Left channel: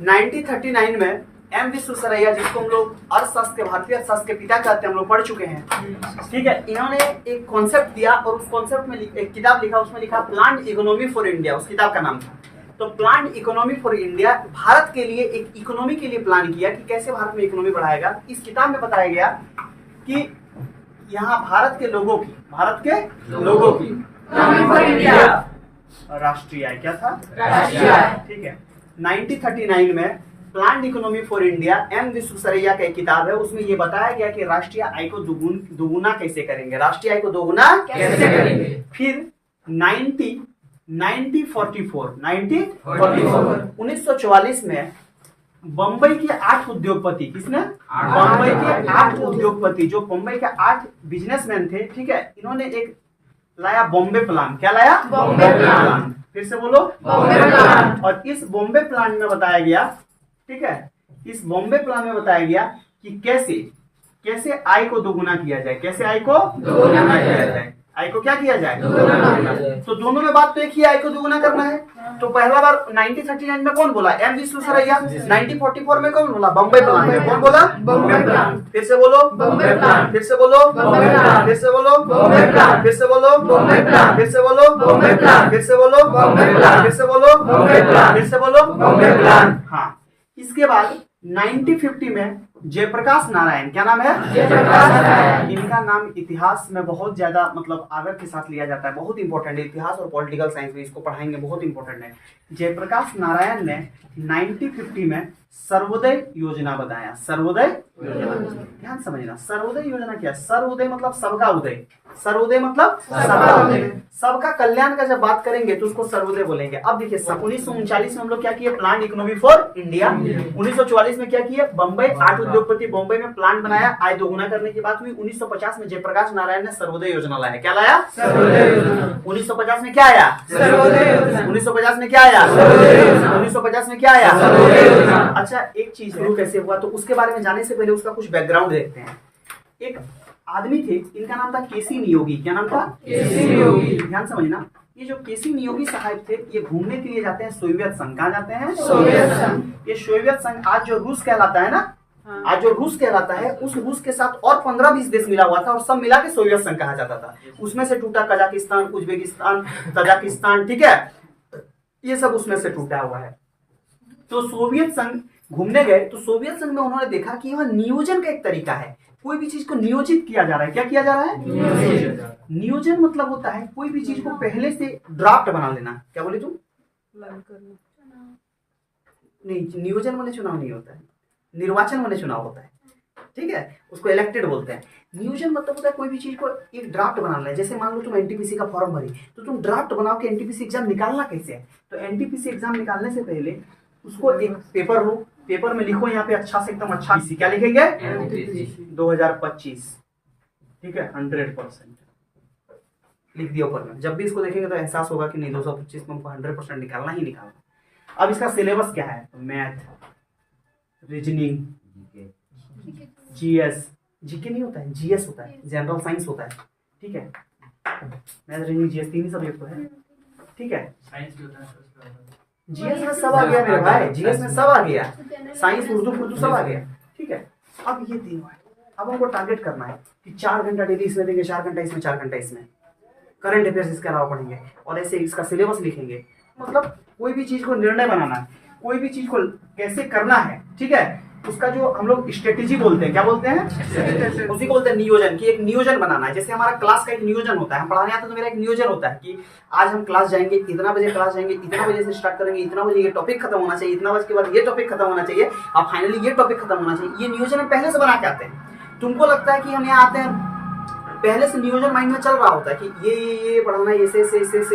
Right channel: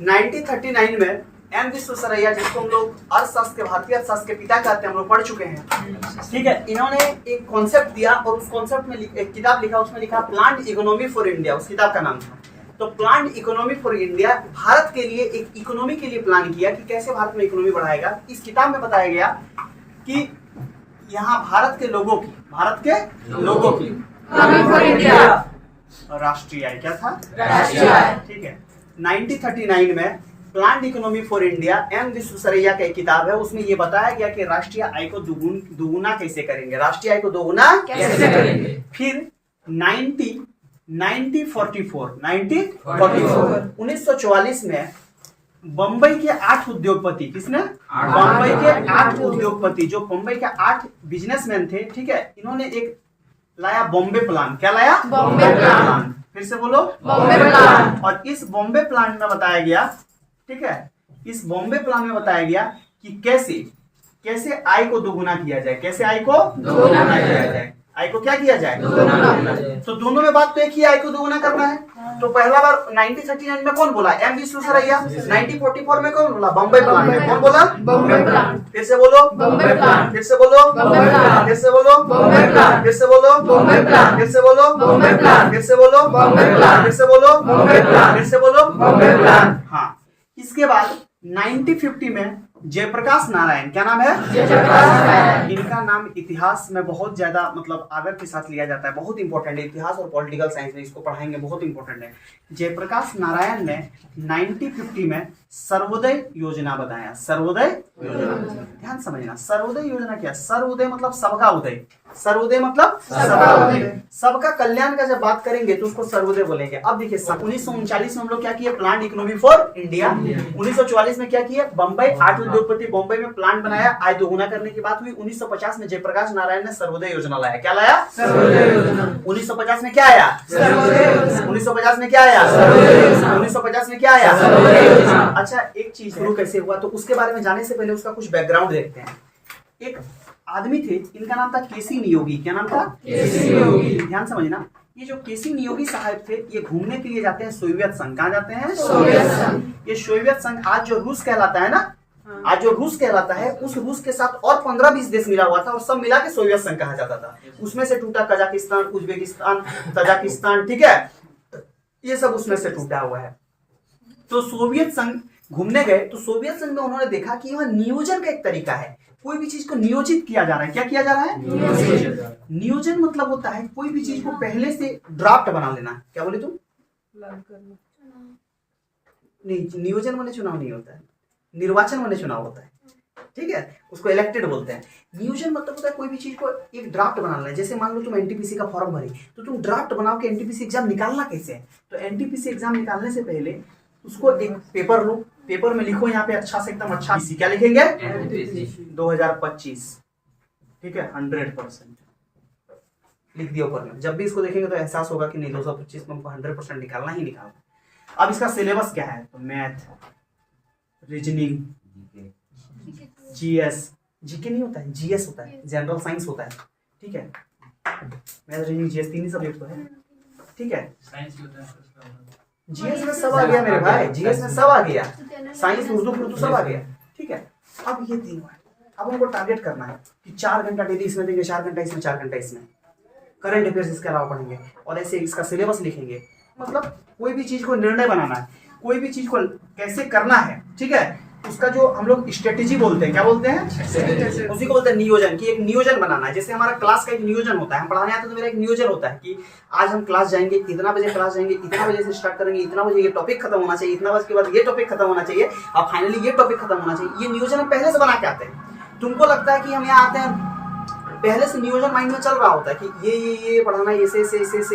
1939 में एम विश्वेश्वरैया, जिसको हम लोग अर्थशास्त्र के, भारतीय अर्थशास्त्र के पिता कहते हैं, हम लोग पढ़ चुके हैं, ठीक है। इन्होंने एक कॉन्सेप्ट दिया और उस कॉन्सेप्ट में एक किताब लिखा, उसमें लिखा प्लान्ड इकोनॉमी फॉर इंडिया, उस किताब का नाम था। तो planned economy for India, Bharat के लिए एक इकोनॉमी के लिए प्लान किया कि कैसे भारत में इकोनॉमी बढ़ाएगा। इस किताब में बताया गया कि यहाँ भारत के लोगों की राष्ट्रीय आय क्या था? राष्ट्रीय आय, ठीक है। 1939 में planned economy for India, M Visvesvaraya का एक किताब है, उसमें ये बताया गया कि राष्ट्रीय आय को दुगुना कैसे करेंगे, राष्ट्रीय आय को दोगुना कैसे करेंगे। फिर 1944 में बंबई के 8 उद्योगपति, किसने? बंबई के 8 उद्योगपति, जो बंबई के 8 बिजनेसमैन थे, ठीक है, इन्होंने एक लाया बॉम्बे प्लान। क्या लाया? बॉम्बे प्लान। फिर से बोलो, बॉम्बे प्लान। और इस बॉम्बे प्लान में बताया गया, ठीक है, इस बॉम्बे प्लान में बताया गया कि कैसे आय को दोगुना किया जाए, कैसे आय को दोगुना किया जाए, आय को क्या किया जाए? तो दोनों में बात तो एक ही, आय को दोगुना करना है। तो पहला बार 1939 में कौन बोला? एम विश्वेश्वरैया। 1944 में कौन बोला? बॉम्बे प्लान। कौन बोला? बॉम्बे प्लान। फिर से बोलो, बॉम्बे प्लान। फिर से बोलो, बॉम्बे प्लान। फिर से बोलो, बॉम्बे प्लान। फिर से बोलो, बॉम्बे प्लान। फिर से बोलो, बॉम्बे प्लान। फिर से बोलो, बॉम्बे प्लान। फिर से बोलो, बॉम्बे प्लान। फिर से बोलो, बॉम्बे प्लान। हाँ, इसके बाद 1950 में जयप्रकाश नारायण, क्या नाम है? जयप्रकाश नारायण। इनका नाम इतिहास में बहुत ज्यादा मतलब आदर के साथ लिया जाता है, बहुत इंपॉर्टेंट है, इतिहास और पॉलिटिकल साइंस में इसको पढ़ाएंगे, बहुत इंपॉर्टेंट है। जयप्रकाश नारायण ने 1950 में सर्वोदय योजना बताया। सर्वोदय योजना, ध्यान समझना, सर्वोदय योजना क्या है? सर्वोदय मतलब सबका उदय, सर्वोदय मतलब सबका उदय, सबका कल्याण का जब बात करेंगे तो उसको सर्वोदय बोलेंगे। अब देखिए 1939 में हम लोग क्या किए? Planned economy for India. 1944 में क्या किए? बंबई 8 उद्योगपति बंबई में प्लान बनाया, आय दोगुना करने की बात हुई। 1950 में जयप्रकाश नारायण ने सर्वोदय योजना लाया। क्या लाया? सर्वोदय योजना। 1950 में क्या आया? सर्वोदय योजना। 1950 में क्या आया? सर्वोदय योजना। 1950 में क्या आया? सर्वोदय योजना। अच्छा, एक चीज शुरू कैसे हुआ तो उसके बारे में जानने से पहले उसका कुछ बैकग्राउंड देखते हैं। एक आदमी थे, इनका नाम था केसी नियोगी। क्या नाम था? केसी नियोगी। ध्यान समझना, ये जो केसी नियोगी साहब थे, ये घूमने के लिए जाते हैं सोवियत संघ। कहाँ जाते हैं? सोवियत संघ। ये सोवियत संघ आज जो रूस कहलाता है ना, आज जो रूस कहलाता है, उस रूस के साथ और 15-20 देश मिला हुआ था और सब मिला के सोवियत संघ कहा जाता था। उसमें से टूटा कजाकिस्तान, उज्बेकिस्तान, तजाकिस्तान, ठीक है, ये सब उसमें से टूटा हुआ है। तो सोवियत संघ घूमने गए तो सोवियत संघ में उन्होंने देखा कि यहाँ नियोजन का एक तरीका है, कोई भी चीज को नियोजित किया जा रहा है। क्या किया जा रहा है? नियोजन मतलब होता है कोई भी चीज को पहले से ड्राफ्ट बना लेना। क्या बोले तुम? नहीं, नियोजन माने चुनाव नहीं होता है, निर्वाचन माने चुनाव होता है, ठीक है, उसको इलेक्टेड बोलते हैं। नियोजन मतलब होता है कोई भी चीज को एक ड्राफ्ट बनाना है। जैसे मान लो तुम एनटीपीसी का फॉर्म भरी तो तुम ड्राफ्ट बनाओ कि एनटीपीसी एग्जाम निकालना कैसे है। तो एनटीपीसी एग्जाम निकालने से पहले उसको एक पेपर लो, पेपर में लिखो यहाँ पे अच्छा से एकदम अच्छा, क्या लिखेंगे? 2025, ठीक है, 100% लिख दिया ऊपर में। जब भी इसको देखेंगे तो एहसास होगा कि नहीं 225 में हमको 100% निकालना ही निकालना। अब इसका सिलेबस क्या है? तो मैथ, रीजनिंग, जीएस, जीके नहीं होता है, जीएस होता है, जनरल साइंस होता है, ठीक है, मैथ, रीजनिंग, जीएस, 3 ही सब्जेक्ट तो है, ठीक है। जीएस में सब आ गया मेरे भाई, जीएस में सब आ गया, साइंस, उर्दू सब आ गया, ठीक है। अब ये तीनों है, अब हमको टारगेट करना है कि 4 घंटा डेली इसमें देंगे, 4 घंटा इसमें, 4 घंटा इसमें, करंट अफेयर्स इसके अलावा पढ़ेंगे और ऐसे इसका सिलेबस लिखेंगे। मतलब कोई भी चीज को निर्णय बनाना है, कोई भी चीज को कैसे करना है, ठीक है, उसका जो हम लोग स्ट्रेटेजी बोलते हैं, क्या बोलते हैं? उसी को बोलते हैं नियोजन, कि एक नियोजन बनाना है। जैसे हमारा क्लास का एक नियोजन होता है, हम पढ़ाने आते तो मेरा एक नियोजन होता है कि आज हम क्लास जाएंगे, इतना बजे क्लास जाएंगे, इतना बजे से स्टार्ट करेंगे, इतना बजे ये टॉपिक खत्म होना चाहिए, इतना बजे के बाद ये टॉपिक खत्म होना चाहिए, अब फाइनली ये टॉपिक खत्म होना चाहिए। ये नियोजन हम पहले से बना के आते हैं। तुमको लगता है कि हम यहाँ आते हैं पहले से नियोजन माइंड में चल रहा होता है कि ये पढ़ाना है, ऐसे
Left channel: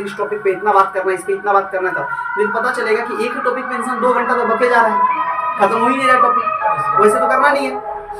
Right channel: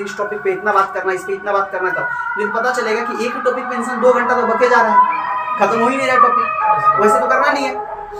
इस टॉपिक पे इतना बात करना है, इस पे इतना बात करना है, तब लेकिन पता चलेगा कि एक ही टॉपिक पे इंसान 2 घंटा तो बके जा रहा है, खत्म हो ही नहीं रहा टॉपिक, वैसे तो करना नहीं है।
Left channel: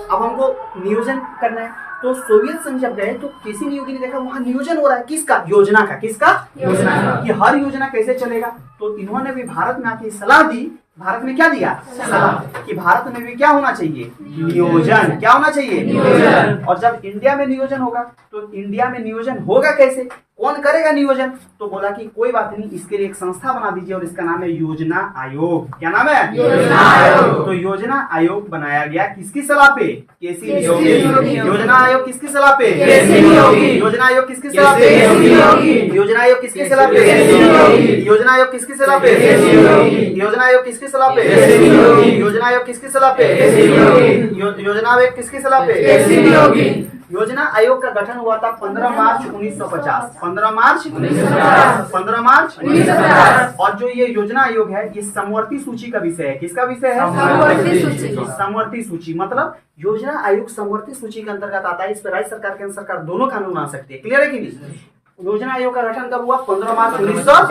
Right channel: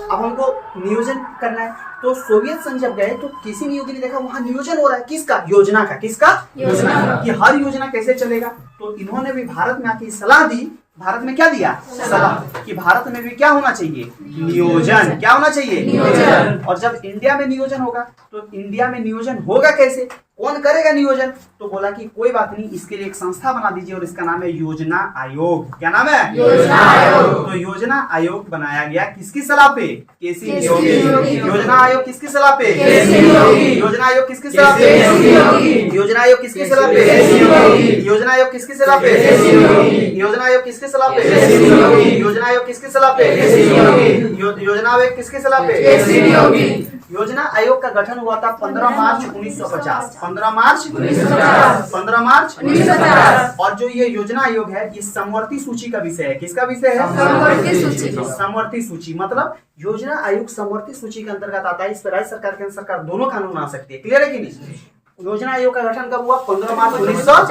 अब हमको नियोजन करना है। तो सोवियत संघ जब गए तो किसी नियोगी ने देखा वहां नियोजन हो रहा है, किसका? योजना का। किसका? योजना का, कि हर योजना कैसे चलेगा। तो इन्होंने भी भारत में आके सलाह दी। भारत में क्या दिया? सलाह, कि भारत में भी क्या होना चाहिए? नियोजन। क्या होना चाहिए? नियोजन। और जब इंडिया में नियोजन होगा तो इंडिया में नियोजन होगा कैसे? कौन करेगा नियोजन? तो बोला कि कोई बात नहीं, इसके लिए एक संस्था बना दीजिए और इसका नाम है योजना आयोग। क्या नाम है? योजना आयोग। तो योजना आयोग बनाया गया किसकी सलाह पे? केसी नियोगी। योजना आयोग किसकी सलाह पे? केसी नियोगी। योजना आयोग किसकी सलाह पे? केसी नियोगी। योजना आयोग किसकी सलाह पे? केसी नियोगी। योजना आयोग किसकी सलाह पे? केसी नियोगी। योजना आयोग किसकी सलाह पे? केसी नियोगी। योजना आयोग किसकी सलाह पे? केसी नियोगी। योजना आयोग किसकी सलाह पे? केसी नियोगी। योजना आयोग का गठन हुआ था 15 मार्च 1950। 15 मार्च 1950। 15 मार्च 1950। और जो ये योजना आयोग है ये समवर्ती सूची का विषय है। किसका विषय है? समवर्ती सूची। समवर्ती सूची मतलब योजना आयोग समवर्ती सूची के अंतर्गत आता है। इस पर राज्य सरकार केंद्र सरकार दोनों कानून आ सकती है। क्लियर है कि नहीं? योजना आयोग का गठन कब हुआ? 15 मार्च 1950।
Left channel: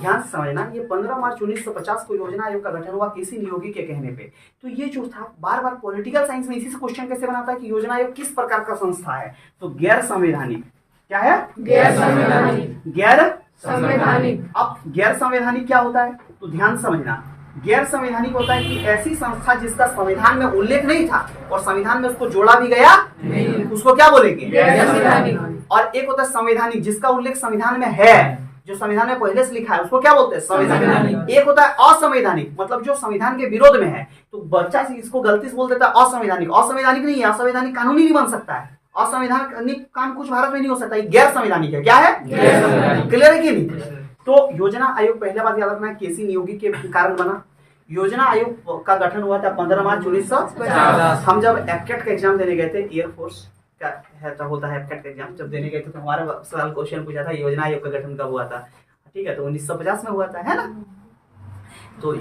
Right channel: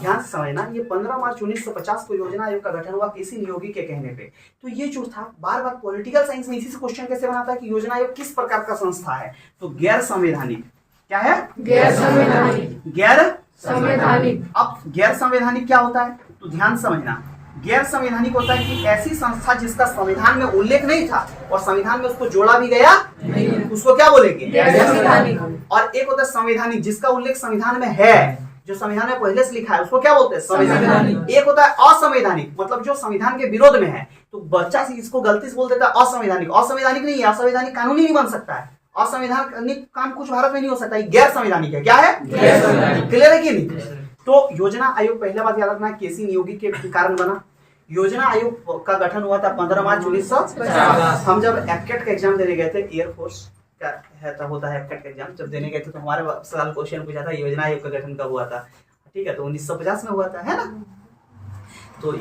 ध्यान से समझना, ये 15 मार्च 1950 को योजना आयोग का गठन हुआ केसी नियोगी के कहने पे। तो ये जो था, बार बार पॉलिटिकल साइंस में इसी से क्वेश्चन कैसे बनाता है कि योजना आयोग किस प्रकार का संस्था है? तो गैर संवैधानिक। क्या है? गैर संवैधानिक। गैर संवैधानिक। अब गैर संवैधानिक क्या होता है? तो ध्यान समझना, गैर संवैधानिक होता है कि ऐसी संस्था जिसका संविधान में उल्लेख नहीं था और संविधान में उसको जोड़ा भी गया नहीं, उसको क्या बोलेंगे? गैर संवैधानिक। और एक होता है संवैधानिक जिसका उल्लेख संविधान में है, जो संविधान में पहले से लिखा है, उसको क्या बोलते हैं? संवैधानिक। एक होता है असंवैधानिक, मतलब जो संविधान के विरोध में है। तो बच्चा इसको गलती से बोल देता है असंवैधानिक। असंवैधानिक नहीं है, असंवैधानिक कानून ही नहीं बन सकता है। असंवैधानिक काम कुछ भारत में नहीं हो सकता है। गैर संवैधानिक है। क्या है? गैर संवैधानिक। क्लियर है कि नहीं? तो योजना आयोग, पहले बात याद रखना, केसी नियोगी के कारण बना। योजना आयोग का गठन हुआ था 15 मार्च 1950। हम जब एफकेट का एग्जाम देने गए थे, एयरफोर्स का होता है एफकेट का एग्जाम, जब देने गए थे तो हमारे सवाल क्वेश्चन पूछा था योजना आयोग का गठन कब हुआ था। ठीक है, तो 1950 में हुआ था, है ना? तो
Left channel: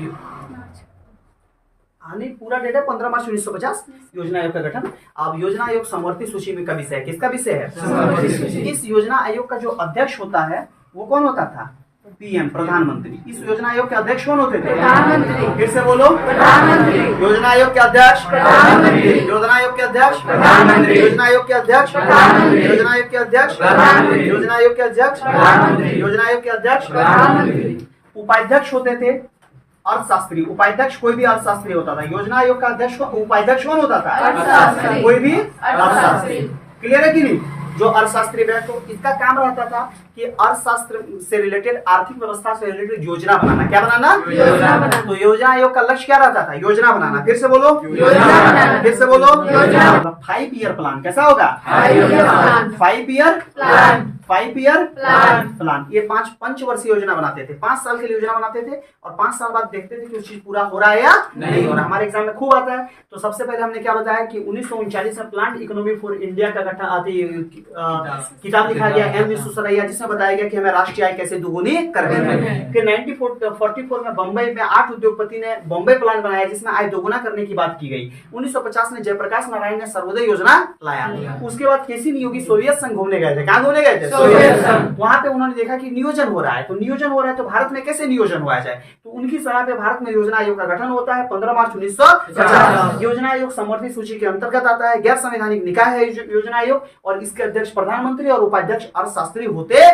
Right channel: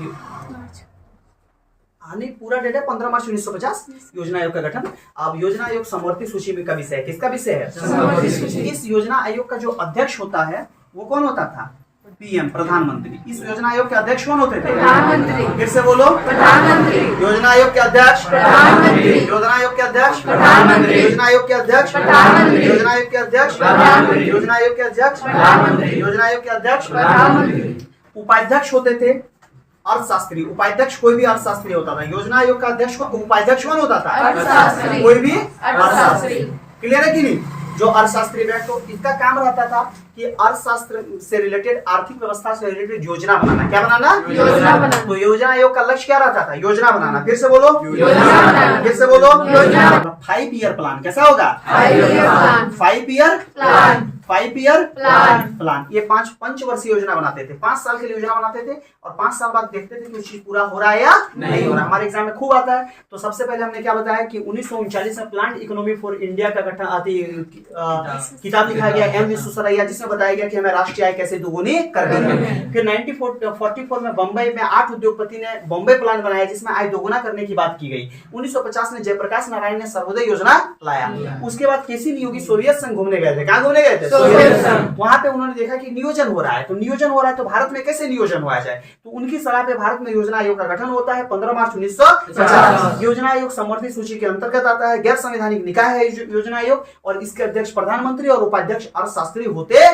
नहीं, पूरा डेट है 15 मार्च 1950 योजना आयोग का गठन। अब योजना आयोग समवर्ती सूची में का विषय है। किसका विषय है? समवर्ती सूची। इस योजना आयोग का जो अध्यक्ष होता है वो कौन होता था? पीएम, प्रधानमंत्री। इस योजना आयोग के अध्यक्ष कौन होते थे? प्रधानमंत्री। फिर से बोलो, प्रधानमंत्री। योजना आयोग के अध्यक्ष प्रधानमंत्री। योजना आयोग के अध्यक्ष प्रधानमंत्री। योजना आयोग के अध्यक्ष प्रधानमंत्री। योजना आयोग के अध्यक्ष प्रधानमंत्री। योजना आयोग के अध्यक्ष प्रधानमंत्री। योजना आयोग के अध्यक्ष प्रधानमंत्री। उपाध्यक्ष होते थे अर्थशास्त्री। उपाध्यक्ष कोई भी अर्थशास्त्री होता था। योजना आयोग का अध्यक्ष उपाध्यक्ष कौन होता था? अर्थशास्त्री। कोई भी अर्थशास्त्री। क्लियर है कि नहीं? जो अर्थशास्त्री है, तो इसका काम रहता था कि अर्थशास्त्र से रिलेटेड, आर्थिक व्यवस्था से रिलेटेड योजना बनाना। क्या बनाना? योजना बनाना। तो योजना आयोग का लक्ष्य क्या रहता था? योजना बनाना। फिर से बोलो, योजना बनाना। फिर से बोलो, योजना। 5 ईयर प्लान। कैसा होगा? 5 year plan. 5 year plan. 5 year plan. Plan. ये 5 पंचवर्षीय योजना बनाते थे। 5 साल के लिए योजना बनाते थे और 5 साल बाद देखते थे कि वो चीज पूरा हो रहा है या नहीं हो रहा। हमारे एग्जाम में खूब आता है। तो सबसे पहले हमने क्या बताया कि 1939 में प्लांट इकोनॉमी फॉर इंडिया का गठन किताब लिखा गया एम विश्वेश्वरैया, जिसमें बताया गया कि हमें राष्ट्रीय आय कैसे दुगुनी कर देना है। फिर 1944 में बंबई में 8 उद्योगपति ने बॉम्बे प्लान बनाया जिसमें आय दोगुना करने की बात की गई। 1950 में जयप्रकाश नारायण ने सर्वोदय योजना लाया। उसके बाद केसी नियोगी सोवियत संघ घूमने गए थे। कहाँ घूमने गए थे? वहां पे उन्होंने देखा कि नियोजन हो रहा है, तो नियोजन हो रहा है तो भारत में कैसे नियोजन हुआ जाए। तो उनकी सलाह पे भारत में योजना आयोग का गठन होता है 15 मार्च 1950। योजना आयोग समवर्ती सूची के अंतर्गत आता है। गैर संवैधानिक निकाय है योजना आयोग और इसके अध्यक्ष प्रधानमंत्री और उपाध्यक्ष अर्थशास्त्री होते हैं।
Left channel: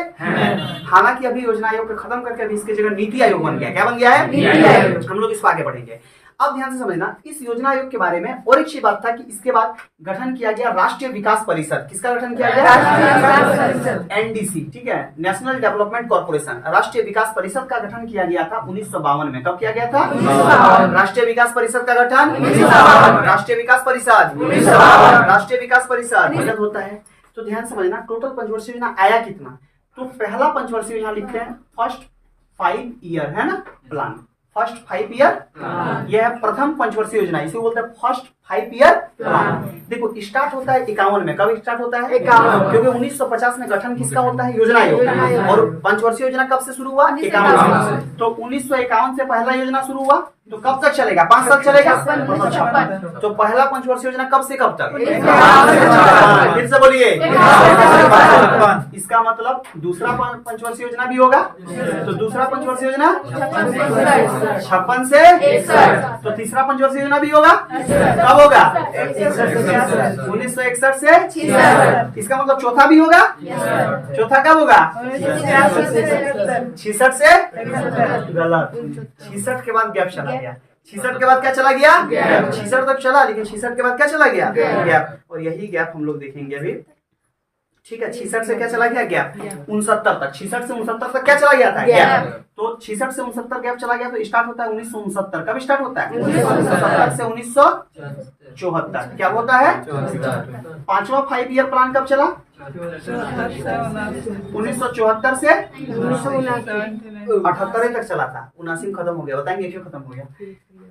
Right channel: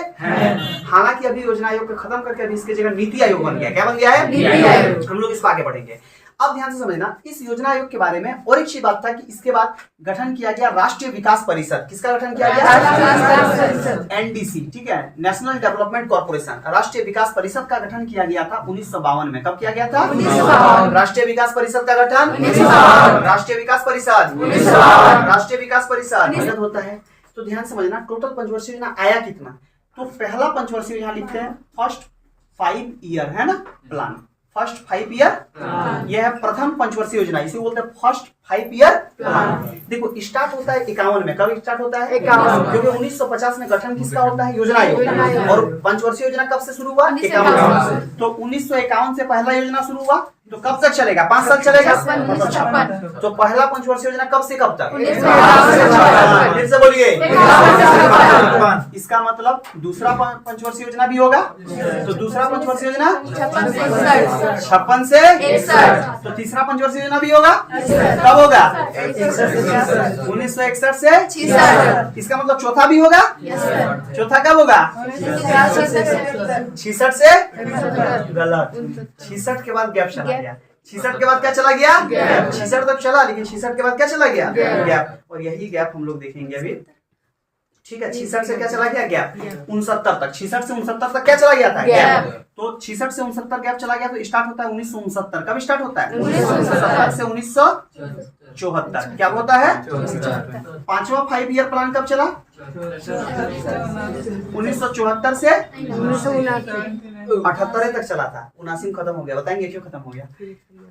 हालांकि अभी योजना आयोग को खत्म करके अभी इसके जगह नीति आयोग बन गया। क्या बन गया है? नीति आयोग। हम लोग इसको आगे बढ़ेंगे। अब ध्यान से समझना, इस योजना आयोग के बारे में और एक चीज बात था कि इसके बाद गठन किया गया राष्ट्रीय विकास परिषद। किसका गठन किया गया? राष्ट्रीय विकास परिषद। एनडीसी। ठीक है, नेशनल डेवलपमेंट कॉर्पोरेशन। राष्ट्रीय विकास परिषद का गठन किया गया था 1952 में। कब किया गया था? 1952। राष्ट्रीय विकास परिषद का गठन 1952। राष्ट्रीय विकास परिषद 1952। राष्ट्रीय विकास परिषद होता है। तो ध्यान समझना, टोटल पंचवर्षीय योजना आया कितना? तो पहला पंचवर्षीय यहाँ लिखते हैं फर्स्ट 5 ईयर, है ना, प्लान। फर्स्ट 5 ईयर, यह है प्रथम पंचवर्षीय योजना, इसे बोलते हैं फर्स्ट 5 ईयर प्लान। देखो स्टार्ट होता है 51 में। कब स्टार्ट होता है? 51। क्योंकि 1950 में गठन किसका होता है? योजना आयोग। और पंचवर्षीय योजना कब से शुरू हुआ? 51। तो 1951 से पहला योजना शुरू हुआ, तो कब तक चलेगा? 5 साल चलेगा। 56। तो पहला पंचवर्षीय योजना कब से कब तक? 1951 से 56। फिर से बोलिए। 51 से 56। इसका मतलब दूसरा पंचवर्षीय योजना भी होगा। तो दूसरा पंचवर्षीय योजना 56 से 61। तो तीसरा पंचवर्षीय योजना भी होगा। कब होगा? 1961 से 66। इसका मतलब चौथा भी होगा। चौथा कब होगा? 66 से गलत। 66 के बाद गैप चला गया। 66 के बाद क्या चला गया? 66 तक चला, लेकिन 66 के बाद क्या चला गया? गैप। और यही गैप हम लोग देखेंगे अभी ठीक है, 66 से क्या चला गया गैप 69 तक, 66 से 69 तक क्या चला गया था गैप। तो 66 से 69 गैप चला गया तो स्टार्ट होता है 1969। कब स्टार्ट होता है 1969 से 1974। क्या होता है पांचवा 5 ईयर प्लान कब चला 1974 से 78 तक चला था, 79 में खत्म हो गया। बताएंगे क्यों खत्म हो गया।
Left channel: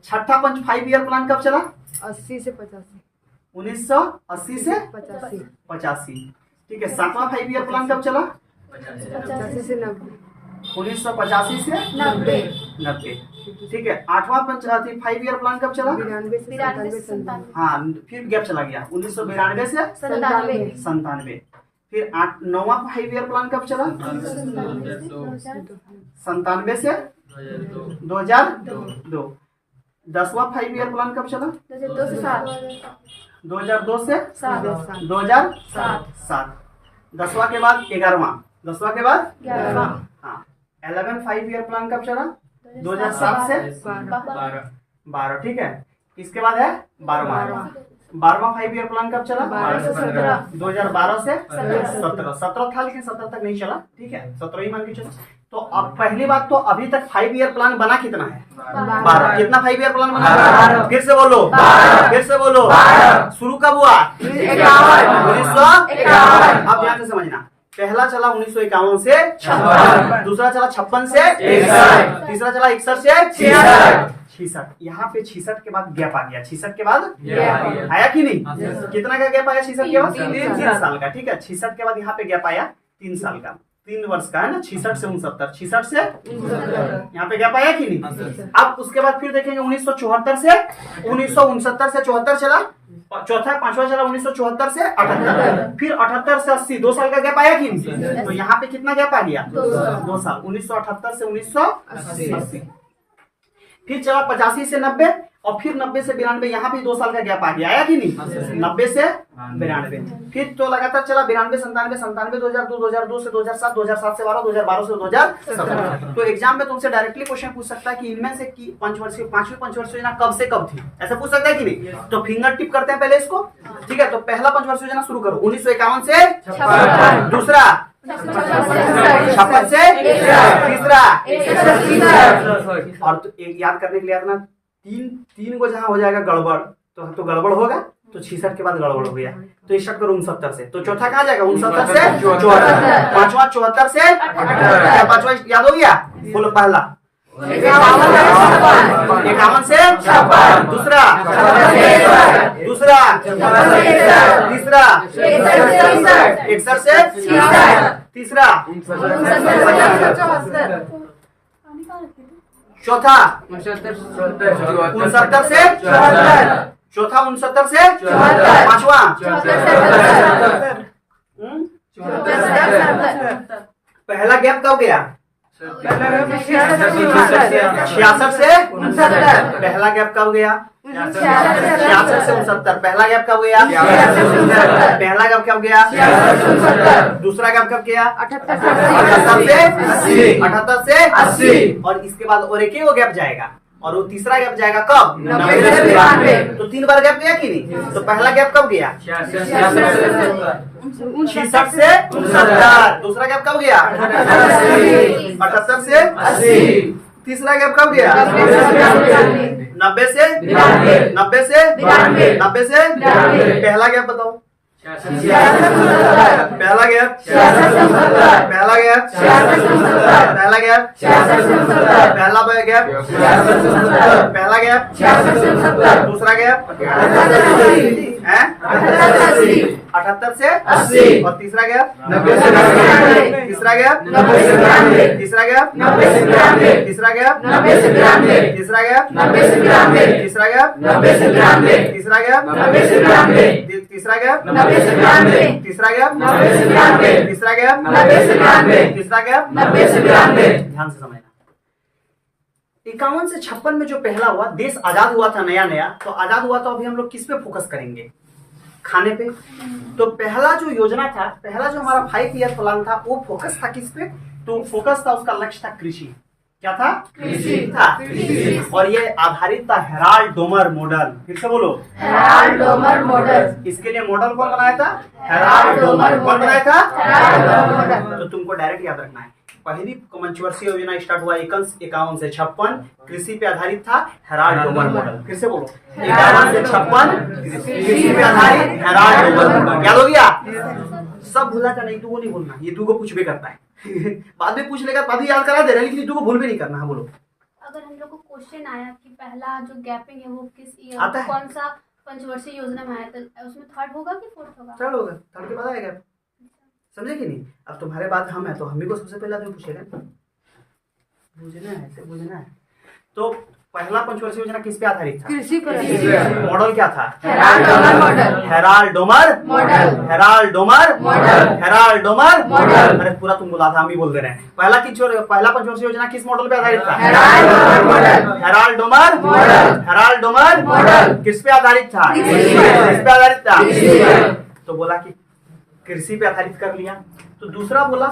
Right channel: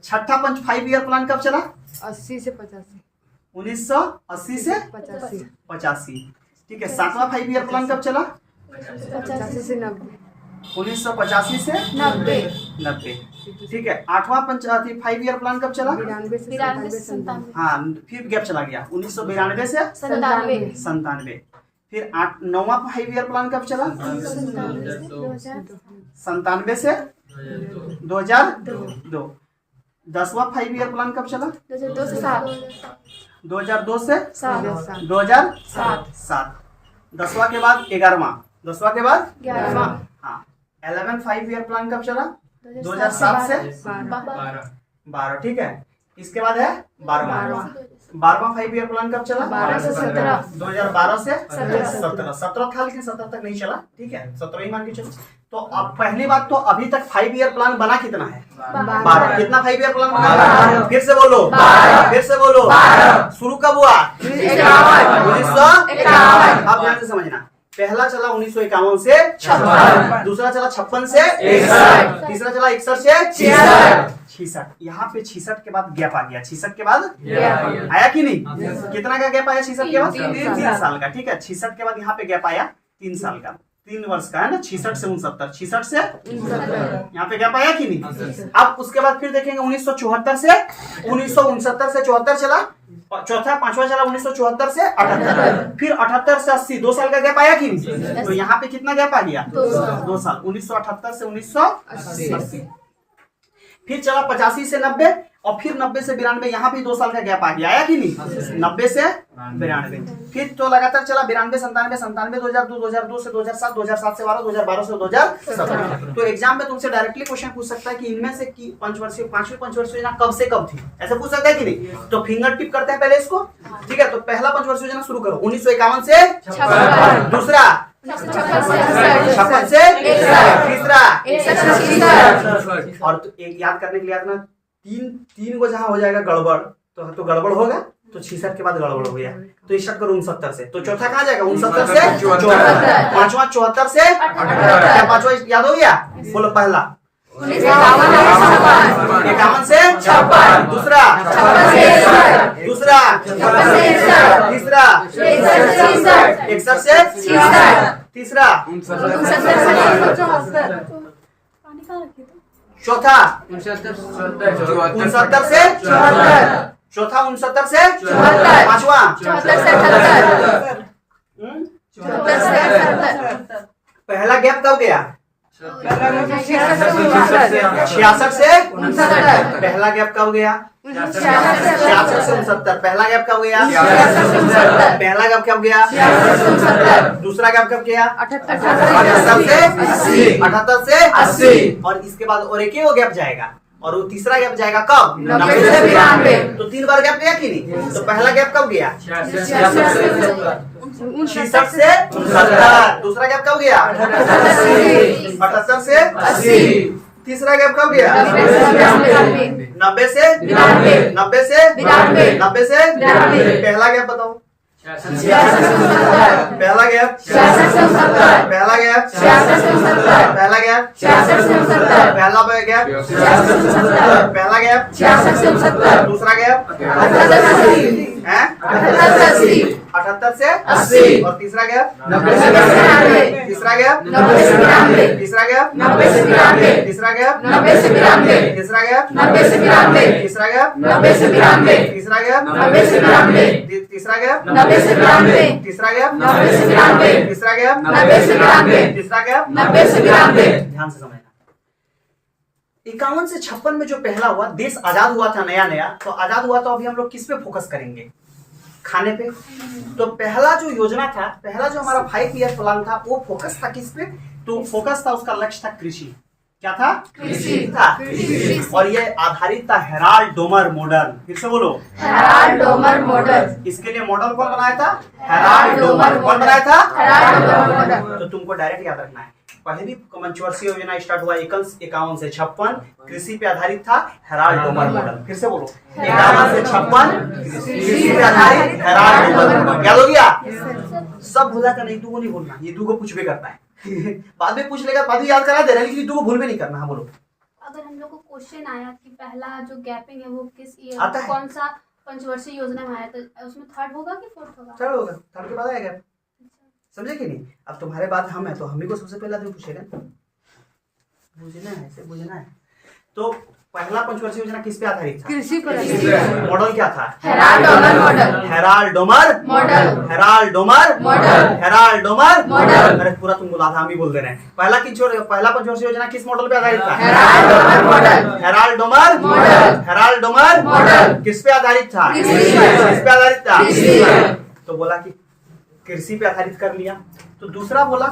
छठा 5 ईयर प्लान कब चला 80 से 85 1980 से 85। ठीक है, सातवां 5 ईयर प्लान कब चला 85 से 90 1985 से 90। ठीक है, आठवां 5 ईयर प्लान कब चला 92 से 97 हाँ, फिर गैप चला गया 1992 से 97। फिर नौवां 5 ईयर प्लान कब चला 97 से 2002। 10वां 5 ईयर प्लान कब चला 2002 से 2007। 10वां के बाद 11वां, 10वां के बाद हाँ 11 5 ईयर प्लान कब चला 2007 से 12। ठीक है, इसके बाद है 12वां 5 ईयर प्लान कब चला 12 से 17 2012 से 17 था, लेकिन 17 तक नहीं चला। ठीक है, 17 ही मान के चलो। तो अब पहली बात तो अभी तक 5 ईयर प्लान बना कितना है 12। कितना 5 ईयर प्लान बना 12। फिर से बोलो 12। शुरू कब हुआ 1951। अब ध्यान से समझना, पहला चला 1951 से 56, दूसरा चला 56 से 61, तीसरा चला 61 से 66। यहाँ पे 66 के बाद गैप आ गया। 66 के बाद आया कि नहीं, कितना का गैप आया 66 के बाद 3 साल का। ठीक है, 66 के बाद यहाँ पे गैप आया 3 साल का, 3 वर्ष का है ना। 66 से 69, 66 से यहाँ पे गैप आया कि नहीं। अब उसके बाद फिर देखेंगे 1974 से 1969 से 74 चला, चौथा 5वां चला 1974 से 78, फिर 78 से 80, 2 साल का गैप आया कि नहीं। तो यहाँ पे कितना गैप आ गया 2 साल, 1978 से 1980। फिर चला 85 से 90 और फिर 90 से 92, यहाँ भी 2 साल का गैप आ गया। आया कि नहीं 90 से 92। फिर तो लगातार चला 92 97 97 2002 2002 से 2007 2007 से 12 2012 से 2017। तो एग्जाम में तुमसे डायरेक्टली क्वेश्चन पूछ सकता है कि इनमें से की पंचवर्षीय 5वीं पंचवर्षीय योजना कब से कब थी, ऐसे पूछ सकता है कि नहीं। तो फिंगर टिप करते हैं पहले इसको। ठीक है, तो पहला पंचवर्षीय योजना शुरू करो 1951 से 56, दूसरा 56 से तीसरा। और तो एक याद करने के लिए याद ना, तीन को जहां हो जाएगा गड़बड़ तो गड़बड़ होगा, तो 66 के बाद गड़बड़ हो गया तो स्टार्ट करो 69 से। तो चौथा कहाँ जाएगा 69 से 74, पांचवा 74 से 78। पांचवा याद हो गया, बोलो पहला 51 से 56, दूसरा तीसरा 61 से तीसरा, चौथा 69 से 74, चौथा 69 से 74, पांचवा 74। पहला गैप कब गया 66 से 69। पहला गैप कब गया 66 से 69। पहला गैप कब गया पहला गैप कब गया दूसरा गैप कब गया 78 से 80। और इसके बाद और एक ही वो गैप जाएगा और वो तीसरा गैप जाएगा कब 90 से 92। तो 3 बार गैप गया कि नहीं। तो पहला गैप कब गया 66 से 69। दूसरा गैप कब गया 78 से 80। तीसरा गैप कब गया 90 से 92। पहला गैप बताओ पहला गैप पहला गैप पहला गैप पहला गैप पहला गैप दूसरा गैप 78 से 80। और तीसरा गैप तीसरा गैप तीसरा गैप तीसरा गैप तीसरा गैप तीसरा गैप तीसरा गैप तीसरा गैप तीसरा गैप तीसरा गैप तीसरा गैप। ध्यान से समझना, 51 से 56 में जो पहला हुआ, देश आजाद हुआ था नया नया, तो आजाद हुआ तो अभी हम लोग किस पे फोकस करेंगे खाने पे। तो पहला जो योजना था, पहला जो हमारा 5 ईयर प्लान था, वो फोकस था किस पे, तो फोकस था उसका लक्ष्य था कृषि। क्या था? कृषि था। कृषि और ये आधारित था हेराल्ड डोमर मॉडल। फिर से बोलो, हेराल्ड डोमर मॉडल। इसके लिए मॉडल कौन बनाया था? Herald Domar. कौन बनाया था? Herald Domar model. तो तुमको डायरेक्ट याद रखना है, पहली पंचवर्षीय योजना स्टार्ट हुआ 51 से 56, कृषि पे आधारित था हेराल्ड डोमर मॉडल। फिर से बोलो, 51 से 56 कृषि पे आधारित हेराल्ड डोमर मॉडल। याद हो गया? सब भूला का नहीं, तू वो नहीं बोलना, ये तू को पूछ भी करता है बाद में पूछ लेगा, बाद में याद करा दे रहा है, लेकिन तू को भूल भी नहीं करना। हाँ बोलो। अगर हम लोग को क्वेश्चन आया कि पहला जो गैपिंग है वो किस ईयर आता है। कौन सा पंचवर्षीय योजना में आया था, उसमें थर्ड होगा कि फोर्थ होगा? चलो होगा, थर्ड के बाद आएगा। समझे कि नहीं? अब तुम्हारे बाद हम है तो हम ही को सबसे पहले आदमी पूछेगा, बुझना है, ऐसे बुझना है। तो पहला पंचवर्षीय योजना किस पे आधारित था? कृषि पर आधारित। मॉडल क्या था? Herald Domar model. Herald Domar model. Herald Domar model. Herald Domar model. अरे पूरा तुम बोला था, हम ही बोल दे रहे हैं। पहला पंचवर्षीय योजना किस मॉडल पे आधारित था? Herald Domar model. Herald Domar model. Herald Domar model. किस पे आधारित था? कृषि पर। किस पे आधारित था? कृषि पर। तो बोला कि कृषि पे आधारित कर लिया। तो दूसरा बोला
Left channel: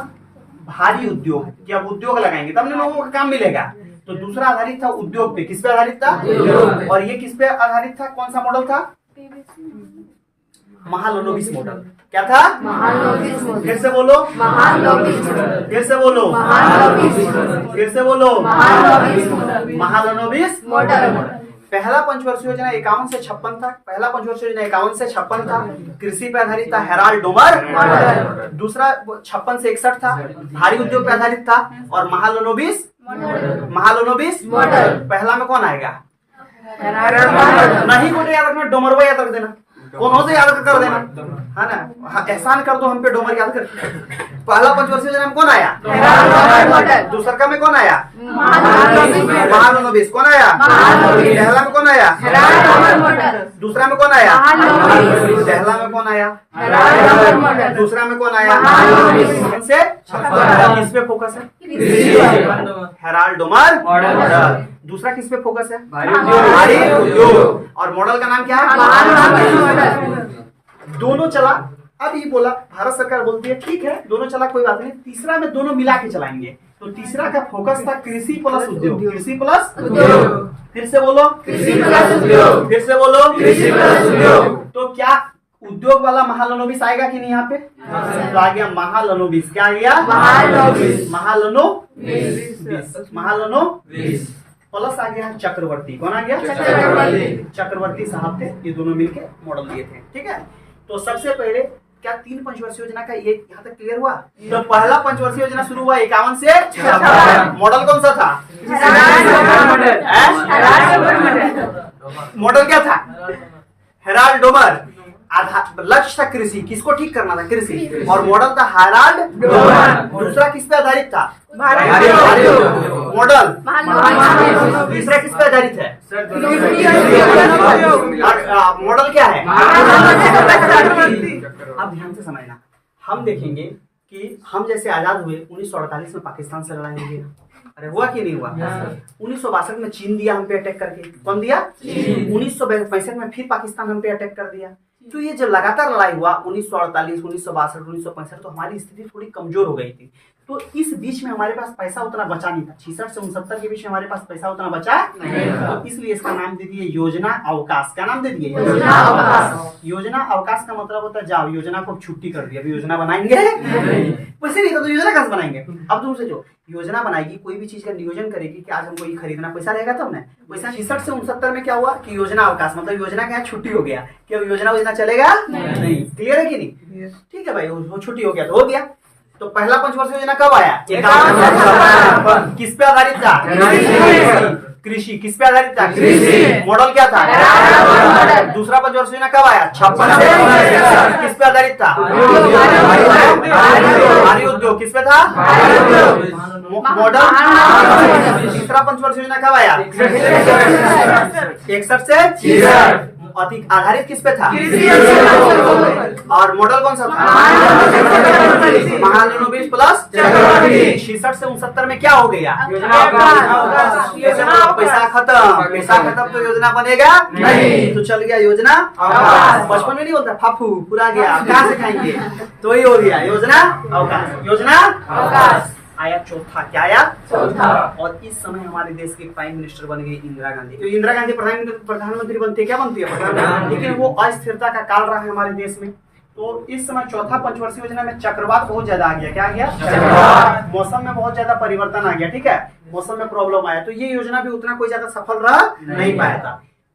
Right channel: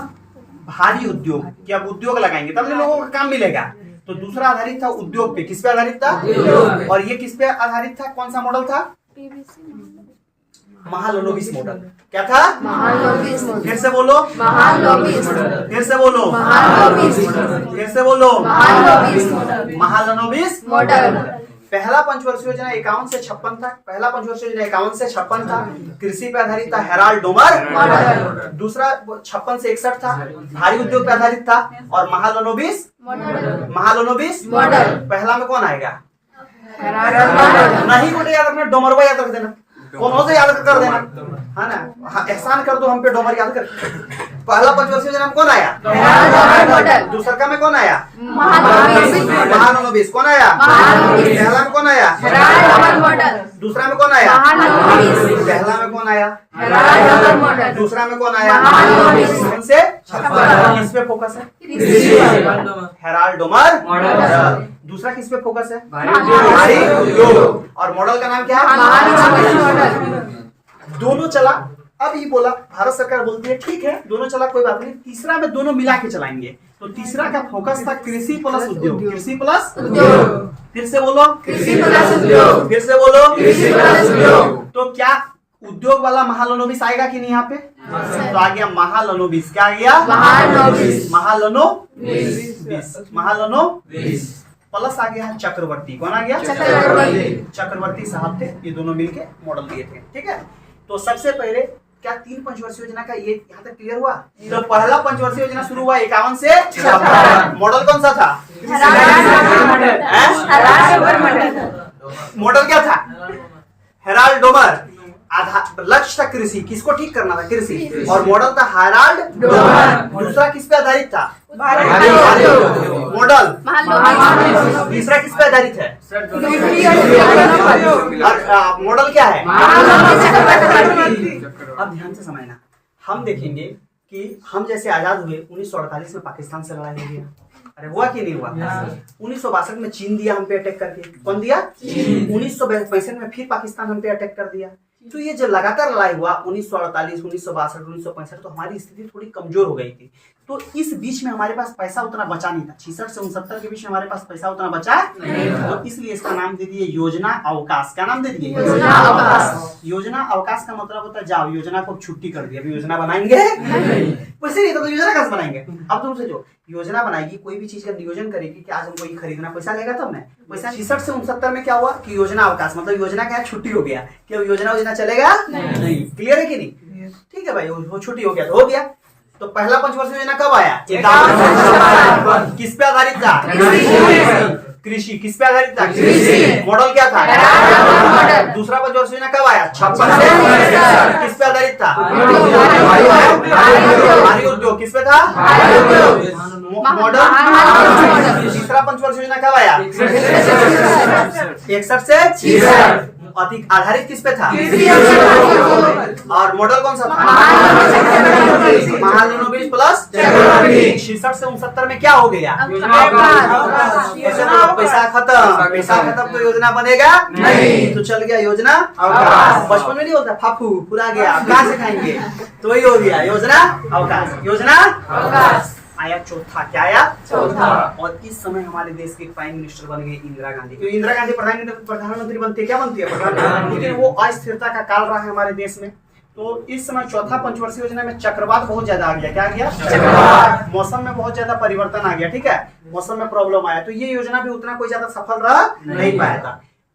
भारी उद्योग, कि अब उद्योग लगाएंगे तब लोगों को काम मिलेगा। तो दूसरा आधारित था उद्योग पे। किस पे आधारित था? और ये किस पे आधारित था? कौन सा मॉडल था? महालनोबिस मॉडल। क्या था? महालनोबिस मॉडल। फिर से बोलो, महालनोबिस। फिर से बोलो, महालनोबिस। फिर से बोलो, महालनोबिस महालनोबिस मॉडल। पहला पंचवर्षीय योजना 51 से 56 था। पहला पंचवर्षीय योजना 51 से 56 था, कृषि पे आधारित था हेराल्ड डोमर मॉडल। दूसरा 56 से 61 था, भारी उद्योग पे आधारित था। और महालनोबिस मॉडल। पहला में कौन आएगा? Herald Domar model. नहीं बेटे याद रखना, डोमरवा याद रख देना, कौन से याद कर देना, है ना? हाँ, एहसान कर दो हम पे, डोमर याद कर। पहला पंचवर्षीय योजना में कौन आया? Herald Domar model. दूसरा का में कौन आया? महालनोबिस मॉडल। महालनोबिस कौन आया? महालनोबिस। पहला में कौन आया? Herald Domar model. दूसरा में कौन आया? महालनोबिस। पहला में कौन आया? Herald Domar model. दूसरा में कौन आया? महालनोबिस। कौन से? किस पे फोकस है? कृषि पर। Herald Domar model. दूसरा किस पे फोकस है? भारी उद्योग। और मॉडल का नाम क्या है? महालनोबिस मॉडल। दोनों चला। अब ये बोला, भारत सरकार बोलती है ठीक है दोनों चला, कोई बात नहीं, तीसरा में दोनों मिला के चलाएंगे। तो तीसरा का फोकस था कृषि प्लस उद्योग। कृषि प्लस उद्योग। फिर से बोलो, कृषि प्लस उद्योग। फिर से बोलो, कृषि प्लस उद्योग। तो क्या उद्योग वाला महालनोबिस आएगा कि नहीं यहाँ पे? तो आ गया महालनोबिस। क्या आ गया? महालनोबिस। महालनोबिस प्लस आ गया चक्रवर्ती। कौन आ गया? चक्रवर्ती साहब थे, ये दोनों मिलके मॉडल दिए थे। ठीक है, तो सबसे पहले क्या 3 पंचवर्षीय योजना का ये यहाँ तक क्लियर हुआ? तो पहला पंचवर्षीय योजना शुरू हुआ 51 से 56। मॉडल कौन सा था? मॉडल क्या था? Herald Domar. लक्ष्य था कृषि, किसको ठीक करना था? कृषि। और मॉडल था हेराल्ड डोमर। दूसरा किस पे आधारित था? मॉडल। तीसरा किस पे आधारित है? और मॉडल क्या है? अब ध्यान से समझना, हम देखेंगे कि हम जैसे आजाद हुए 1948 में पाकिस्तान से लड़ाई हुई। अरे हुआ कि नहीं हुआ? 1962 में चीन दिया हम पे अटैक करके। कौन दिया? 1965 में फिर पाकिस्तान हम पे अटैक कर दिया। तो ये जो लगातार लड़ाई हुआ 1948, 1962, 1965, तो हमारी स्थिति थोड़ी कमजोर हो गई थी। तो इस बीच में हमारे पास पैसा उतना बचा नहीं था। 66 से 69 के बीच में हमारे पास पैसा उतना बचा नहीं, तो इसलिए इसका नाम दे दिए योजना अवकाश। क्या नाम दे दिए? योजना अवकाश। योजना अवकाश का मतलब होता है जाओ योजना को छुट्टी कर दी, अभी योजना बनाएंगे वैसे नहीं तो योजना कैसे बनाएंगे? अब तुम सोचो, योजना बनाएगी, कोई भी चीज का नियोजन करेगी कि आज हमको ये खरीदना, पैसा रहेगा तब ना। पैसा 66 से 69 में क्या हुआ कि योजना अवकाश, मतलब योजना क्या है? छुट्टी हो गया कि अब योजना चलेगा नहीं। क्लियर है कि नहीं? ठीक है भाई, वो छुट्टी हो गया तो हो गया। तो पहला पंचवर्षीय योजना कब आया? 51। किस पे आधारित था? कृषि। किस पे आधारित था? कृषि। मॉडल क्या था? दूसरा पंचवर्षीय योजना कब आया? 56 से। किस पे आधारित था? भारी उद्योग। किस पे था? मॉडल। तीसरा पंचवर्षीय योजना कब आया? 61 से 66। अधिक आधारित किस पे था? और मॉडल कौन सा था? महालनोबिस प्लस 66 से 69 में क्या हो गया? पैसा खत्म तो योजना बनेगा नहीं, तो चल गया योजना अवकाश। बचपन में नहीं होता फाफू पूरा गया, अब कहाँ से खाएंगे? तो वही हो गया योजना अवकाश। योजना अवकाश। आया चौथा। क्या आया? चौथा। और इस समय हमारे देश के प्राइम मिनिस्टर बन गए इंदिरा गांधी। तो इंदिरा गांधी प्रधानमंत्री बनती है, क्या बनती है? प्रधानमंत्री। लेकिन वो अस्थिरता का काल रहा है हमारे देश में। तो इस समय चौथा पंचवर्षीय योजना में चक्रवात बहुत ज्यादा आ गया। क्या आ गया? चक्रवात। मौसम में बहुत ज्यादा परिवर्तन आ गया, ठीक है, मौसम में प्रॉब्लम आया। तो ये योजना भी उतना कोई ज्यादा सफल रहा नहीं पाया था।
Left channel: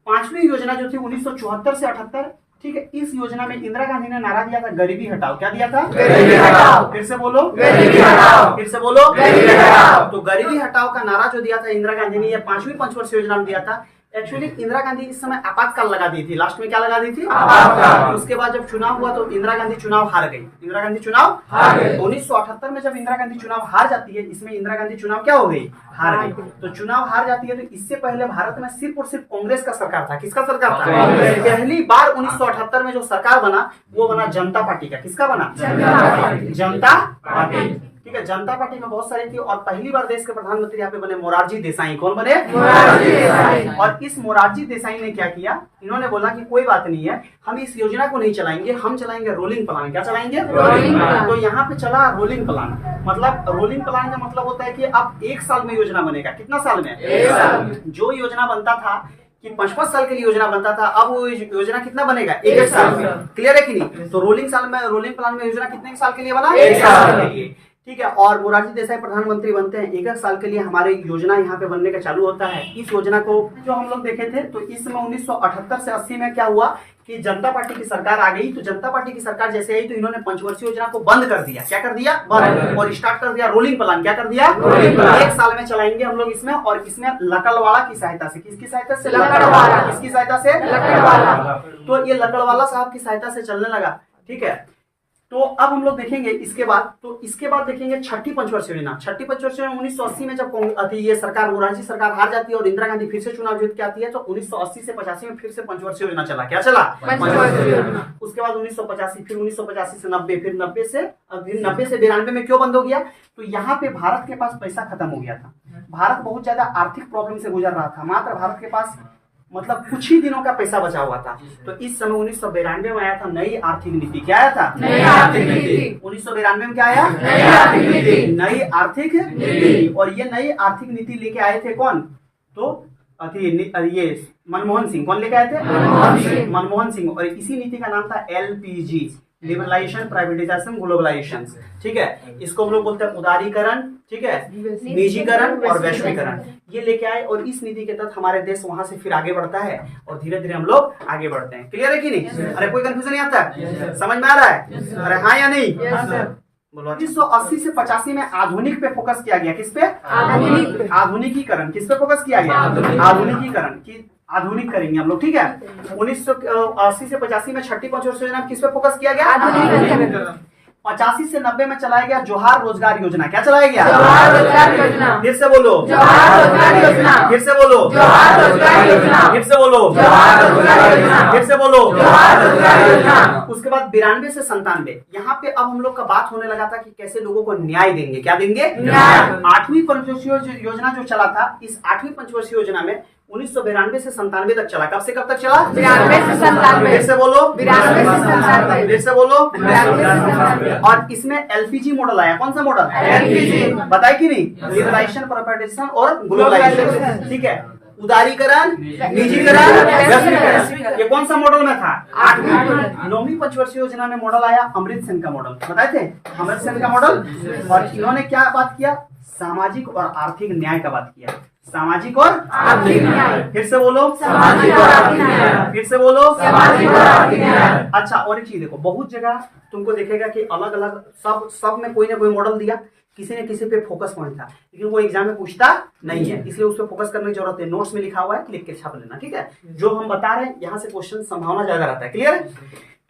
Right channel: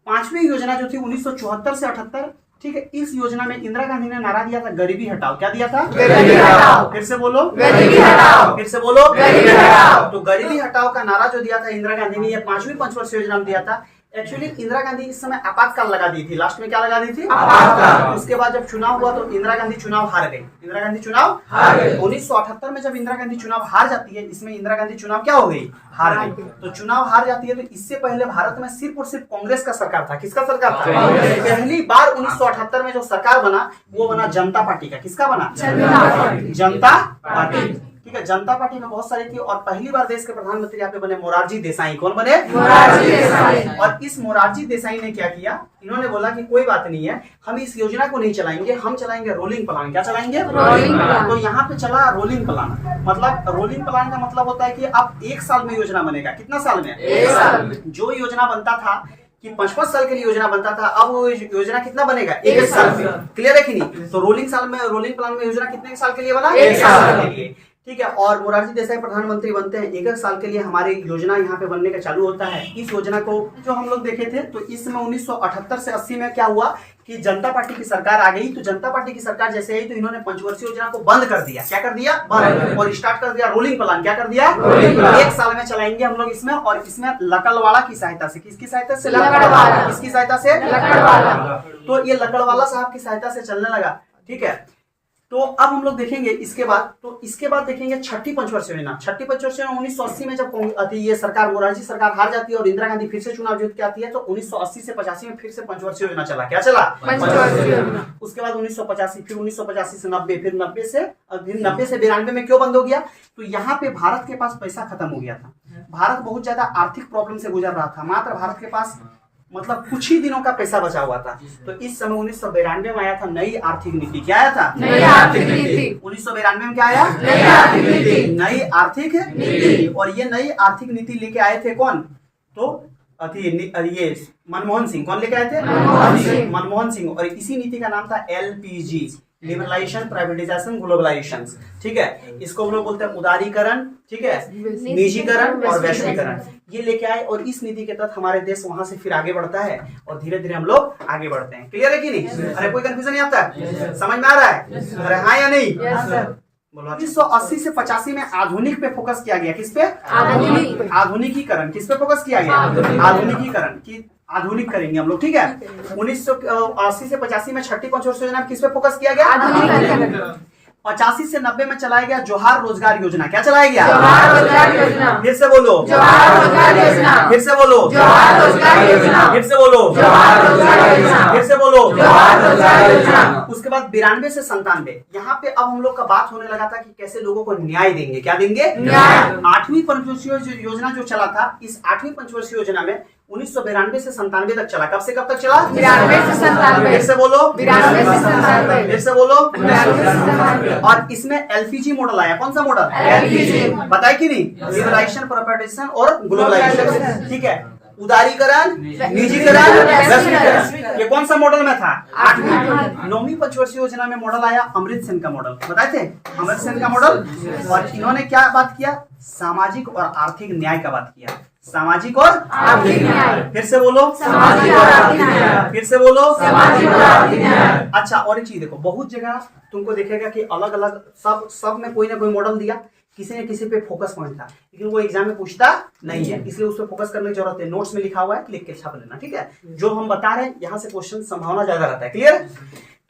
पांचवी योजना जो थी 1974 से 78, ठीक है, इस योजना में इंदिरा गांधी ने नारा दिया था गरीबी हटाओ। क्या दिया था? गरीबी हटाओ। फिर से बोलो, गरीबी हटाओ। फिर से बोलो, गरीबी हटाओ। तो गरीबी हटाओ का नारा जो दिया था इंदिरा गांधी ने, ये पांचवी पंचवर्षीय योजना में दिया था। एक्चुअली इंदिरा गांधी इस समय आपातकाल लगा दी थी। लास्ट में क्या लगा दी थी? आपातकाल। उसके बाद जब चुनाव हुआ तो इंदिरा गांधी चुनाव हार गई। इंदिरा गांधी चुनाव हार गई। 1978 में जब इंदिरा गांधी चुनाव हार जाती है, इसमें इंदिरा गांधी चुनाव क्या हो गई? हार गई। तो चुनाव हार जाती है। तो इससे पहले भारत में सिर्फ और सिर्फ कांग्रेस का सरकार था। किसका सरकार था? पहली बार 1978 में जो सरकार बना वो बना जनता पार्टी का। किसका बना? जनता पार्टी। ठीक है, जनता पार्टी में बहुत सारी थी। और पहली बार देश के प्रधानमंत्री यहाँ पे बने मोरारजी देसाई। कौन बने? मोरारजी देसाई। और इस मोरारजी देसाई ने क्या किया? इन्होंने बोला कि कोई बात नहीं है, हम इस योजना को नहीं चलाएंगे, हम चलाएंगे रोलिंग प्लान। क्या चलाएंगे? Rolling plan. तो यहाँ पे चला रोलिंग प्लान। मतलब रोलिंग प्लान का मतलब होता है कि अब 1 साल में योजना बनेगा। कितना साल में? 1 साल में। जो योजना बनता था कि 5-5 साल के लिए योजना बनता था, अब वो योजना कितना बनेगा? 1 साल में। क्लियर है कि नहीं? तो रोलिंग प्लान में योजना कितने साल के लिए बना? 1 साल के लिए। ठीक है, और मोरारजी देसाई प्रधानमंत्री बनते हैं। 1 साल के लिए हमारे योजना यहाँ पे बनने का चालू होता है। इस योजना को जो हम लोग देखे थे, तो इसमें 1978 से 80 में क्या हुआ कि जनता पार्टी की सरकार आ गई। तो जनता पार्टी की सरकार जैसे आई तो इन्होंने पंचवर्षीय योजना को बंद कर दिया। क्या कर दिया? बंद। और स्टार्ट कर दिया रोलिंग प्लान। क्या कर दिया? Rolling plan. 1 साल में चलाएंगे हम लोग इसमें। और इसमें लकड़वाला की सहायता से, किसकी सहायता से? लकड़वाला। किसकी सहायता से? लकड़वाला। तो ये लकड़वाला साहब की सहायता से चलने लगा। ठीक है, तो अब हम लोग देखेंगे इसके बाद देखेंगे छठी पंचवर्षीय योजना। छठी पंचवर्षीय योजना 1980 में जब ये सरकार मोरारजी सरकार हार जाती है और इंदिरा गांधी फिर से चुनाव जीत के आती है, तो 1980 से 85 में फिर से पंचवर्षीय योजना चला। क्या चला? पंचवर्षीय योजना। उसके बाद 1985, फिर 1985 से 90, फिर 90 से 92 में क्यों बंद हो गया? तो यहाँ पे भारत के पास पैसा खत्म हो गया था। भारत बहुत ज्यादा आर्थिक प्रॉब्लम से गुजर रहा था। मात्र भारत के पास मतलब कुछ ही दिनों का पैसा बचा हुआ था। तो इस समय 1992 में आया था नई आर्थिक नीति। क्या आया था? नई आर्थिक नीति। 1992 में क्या आया? नई आर्थिक नीति। नई आर्थिक नीति। और ये नई आर्थिक नीति लेके आए थे कौन? तो ये मनमोहन सिंह। कौन लेके आए थे? मनमोहन सिंह। मनमोहन सिंह। और इसी नीति का नाम था LPG, लिबरलाइजेशन, प्राइवेटाइजेशन, ग्लोबलाइजेशन। ठीक है, इसको हम लोग बोलते हैं उदारीकरण, ठीक है, निजीकरण और वैश्वीकरण। ये लेके आए और इस नीति के तहत हमारे देश वहां से फिर आगे बढ़ता है और धीरे धीरे हम लोग आगे बढ़ते हैं। क्लियर है कि नहीं? अरे कोई कंफ्यूजन नहीं आता है? समझ में आ रहा है? अरे हाँ या नहीं? बोलो। 1980 से 85 में आधुनिक पे फोकस किया गया। किस पे? आधुनिक पे। आधुनिकीकरण। किस पे फोकस किया गया? आधुनिकीकरण की आधुनिक करेंगे हम लोग। ठीक है, 1980 से 85 में छठी पंचवर्षीय योजना किस पे फोकस किया गया? आधुनिकीकरण। 85 से 90 में चलाया गया जोहार रोजगार योजना। क्या चलाया गया? जोहार रोजगार योजना। फिर से बोलो। जोहार रोजगार योजना। फिर से बोलो। जोहार रोजगार योजना। फिर से बोलो। जोहार रोजगार योजना। फिर से बोलो। जोहार रोजगार योजना। उसके बाद 92 से 97 यहाँ पे अब हम लोग का बात होने लगा था कि कैसे लोगों को न्याय देंगे। क्या देंगे? न्याय। 8वीं पंचवर्षीय योजना जो चला था, इस 8वीं पंचवर्षीय योजना में 1992 से 97 तक चला। कब से कब तक चला? 92 से 97। फिर से बोलो। 92 से 97। फिर से बोलो। 92 से 97। और इसमें LPG मॉडल आया। कौन सा मॉडल? LPG। बताए कि नहीं? लिबरलाइजेशन, प्राइवेटाइजेशन और ग्लोबलाइजेशन। ठीक है, उदारीकरण, निजीकरण, वैश्वीकरण। ये कौन सा मॉडल में था? 8वीं मॉडल। 9वीं पंचवर्षीय योजना में मॉडल आया अमृत सेन का मॉडल। बताए थे? अमृत सेन का मॉडल। और इन्होंने क्या बात किया? सामाजिक और आर्थिक न्याय का बात किया। सामाजिक और आर्थिक न्याय। फिर से बोलो। सामाजिक और आर्थिक न्याय। फिर से बोलो। सामाजिक और आर्थिक न्याय। अच्छा, और एक चीज देखो, बहुत जगह तुमको देखेगा कि अलग अलग सब में कोई ना कोई मॉडल दिया, किसी ने किसी पे फोकस पॉइंट था, लेकिन वो एग्जाम में पूछता नहीं है, इसलिए उस पर फोकस करने की जरूरत है। नोट्स में लिखा हुआ है, लिख के छाप लेना। ठीक है, जो हम बता रहे हैं यहाँ से क्वेश्चन संभावना ज्यादा रहता है। क्लियर?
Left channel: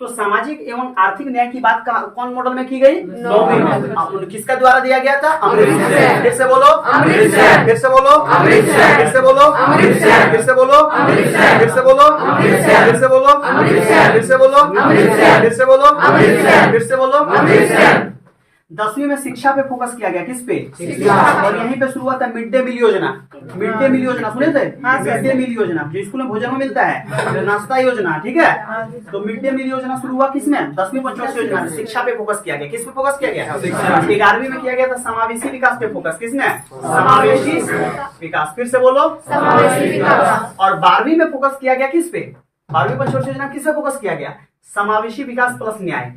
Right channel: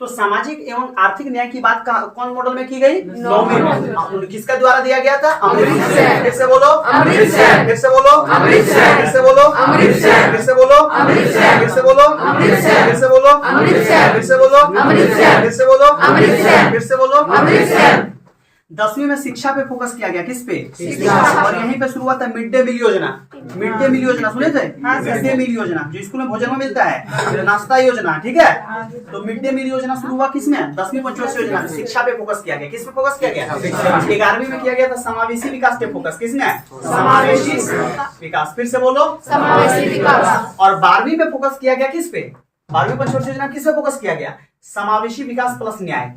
तो सामाजिक एवं आर्थिक न्याय की बात कौन मॉडल में की गई? 9वीं मॉडल। किसका द्वारा दिया गया था? अमृत सेन। फिर से बोलो। अमृत सेन। फिर से बोलो। अमृत सेन। फिर से बोलो। अमृत सेन। फिर से बोलो। अमृत सेन। फिर से बोलो। अमृत सेन। फिर से बोलो। अमृत सेन। फिर से बोलो। अमृत सेन। फिर से बोलो। अमृत सेन। फिर से बोलो। अमृत सेन। 10वीं में शिक्षा पे फोकस किया गया, किस पे? शिक्षा। और यहीं पे शुरू हुआ था मिड डे मील योजना। मिड डे मील योजना सुने थे? मिड डे मील योजना जो स्कूल में भोजन में मिलता है, नाश्ता योजना, ठीक है। तो मिड डे मील योजना शुरू हुआ किसमें? 10वीं पंचवर्षीय योजना में शिक्षा पे फोकस किया गया। किस पे फोकस किया गया? 11वीं में किया गया था समावेशी विकास पे फोकस। किसने? समावेशी विकास। फिर से बोलो, समावेशी विकास। और 12वीं में फोकस किया गया किस पे? 12वीं पंचवर्षीय योजना किस पे फोकस किया गया? समावेशी विकास प्लस न्याय।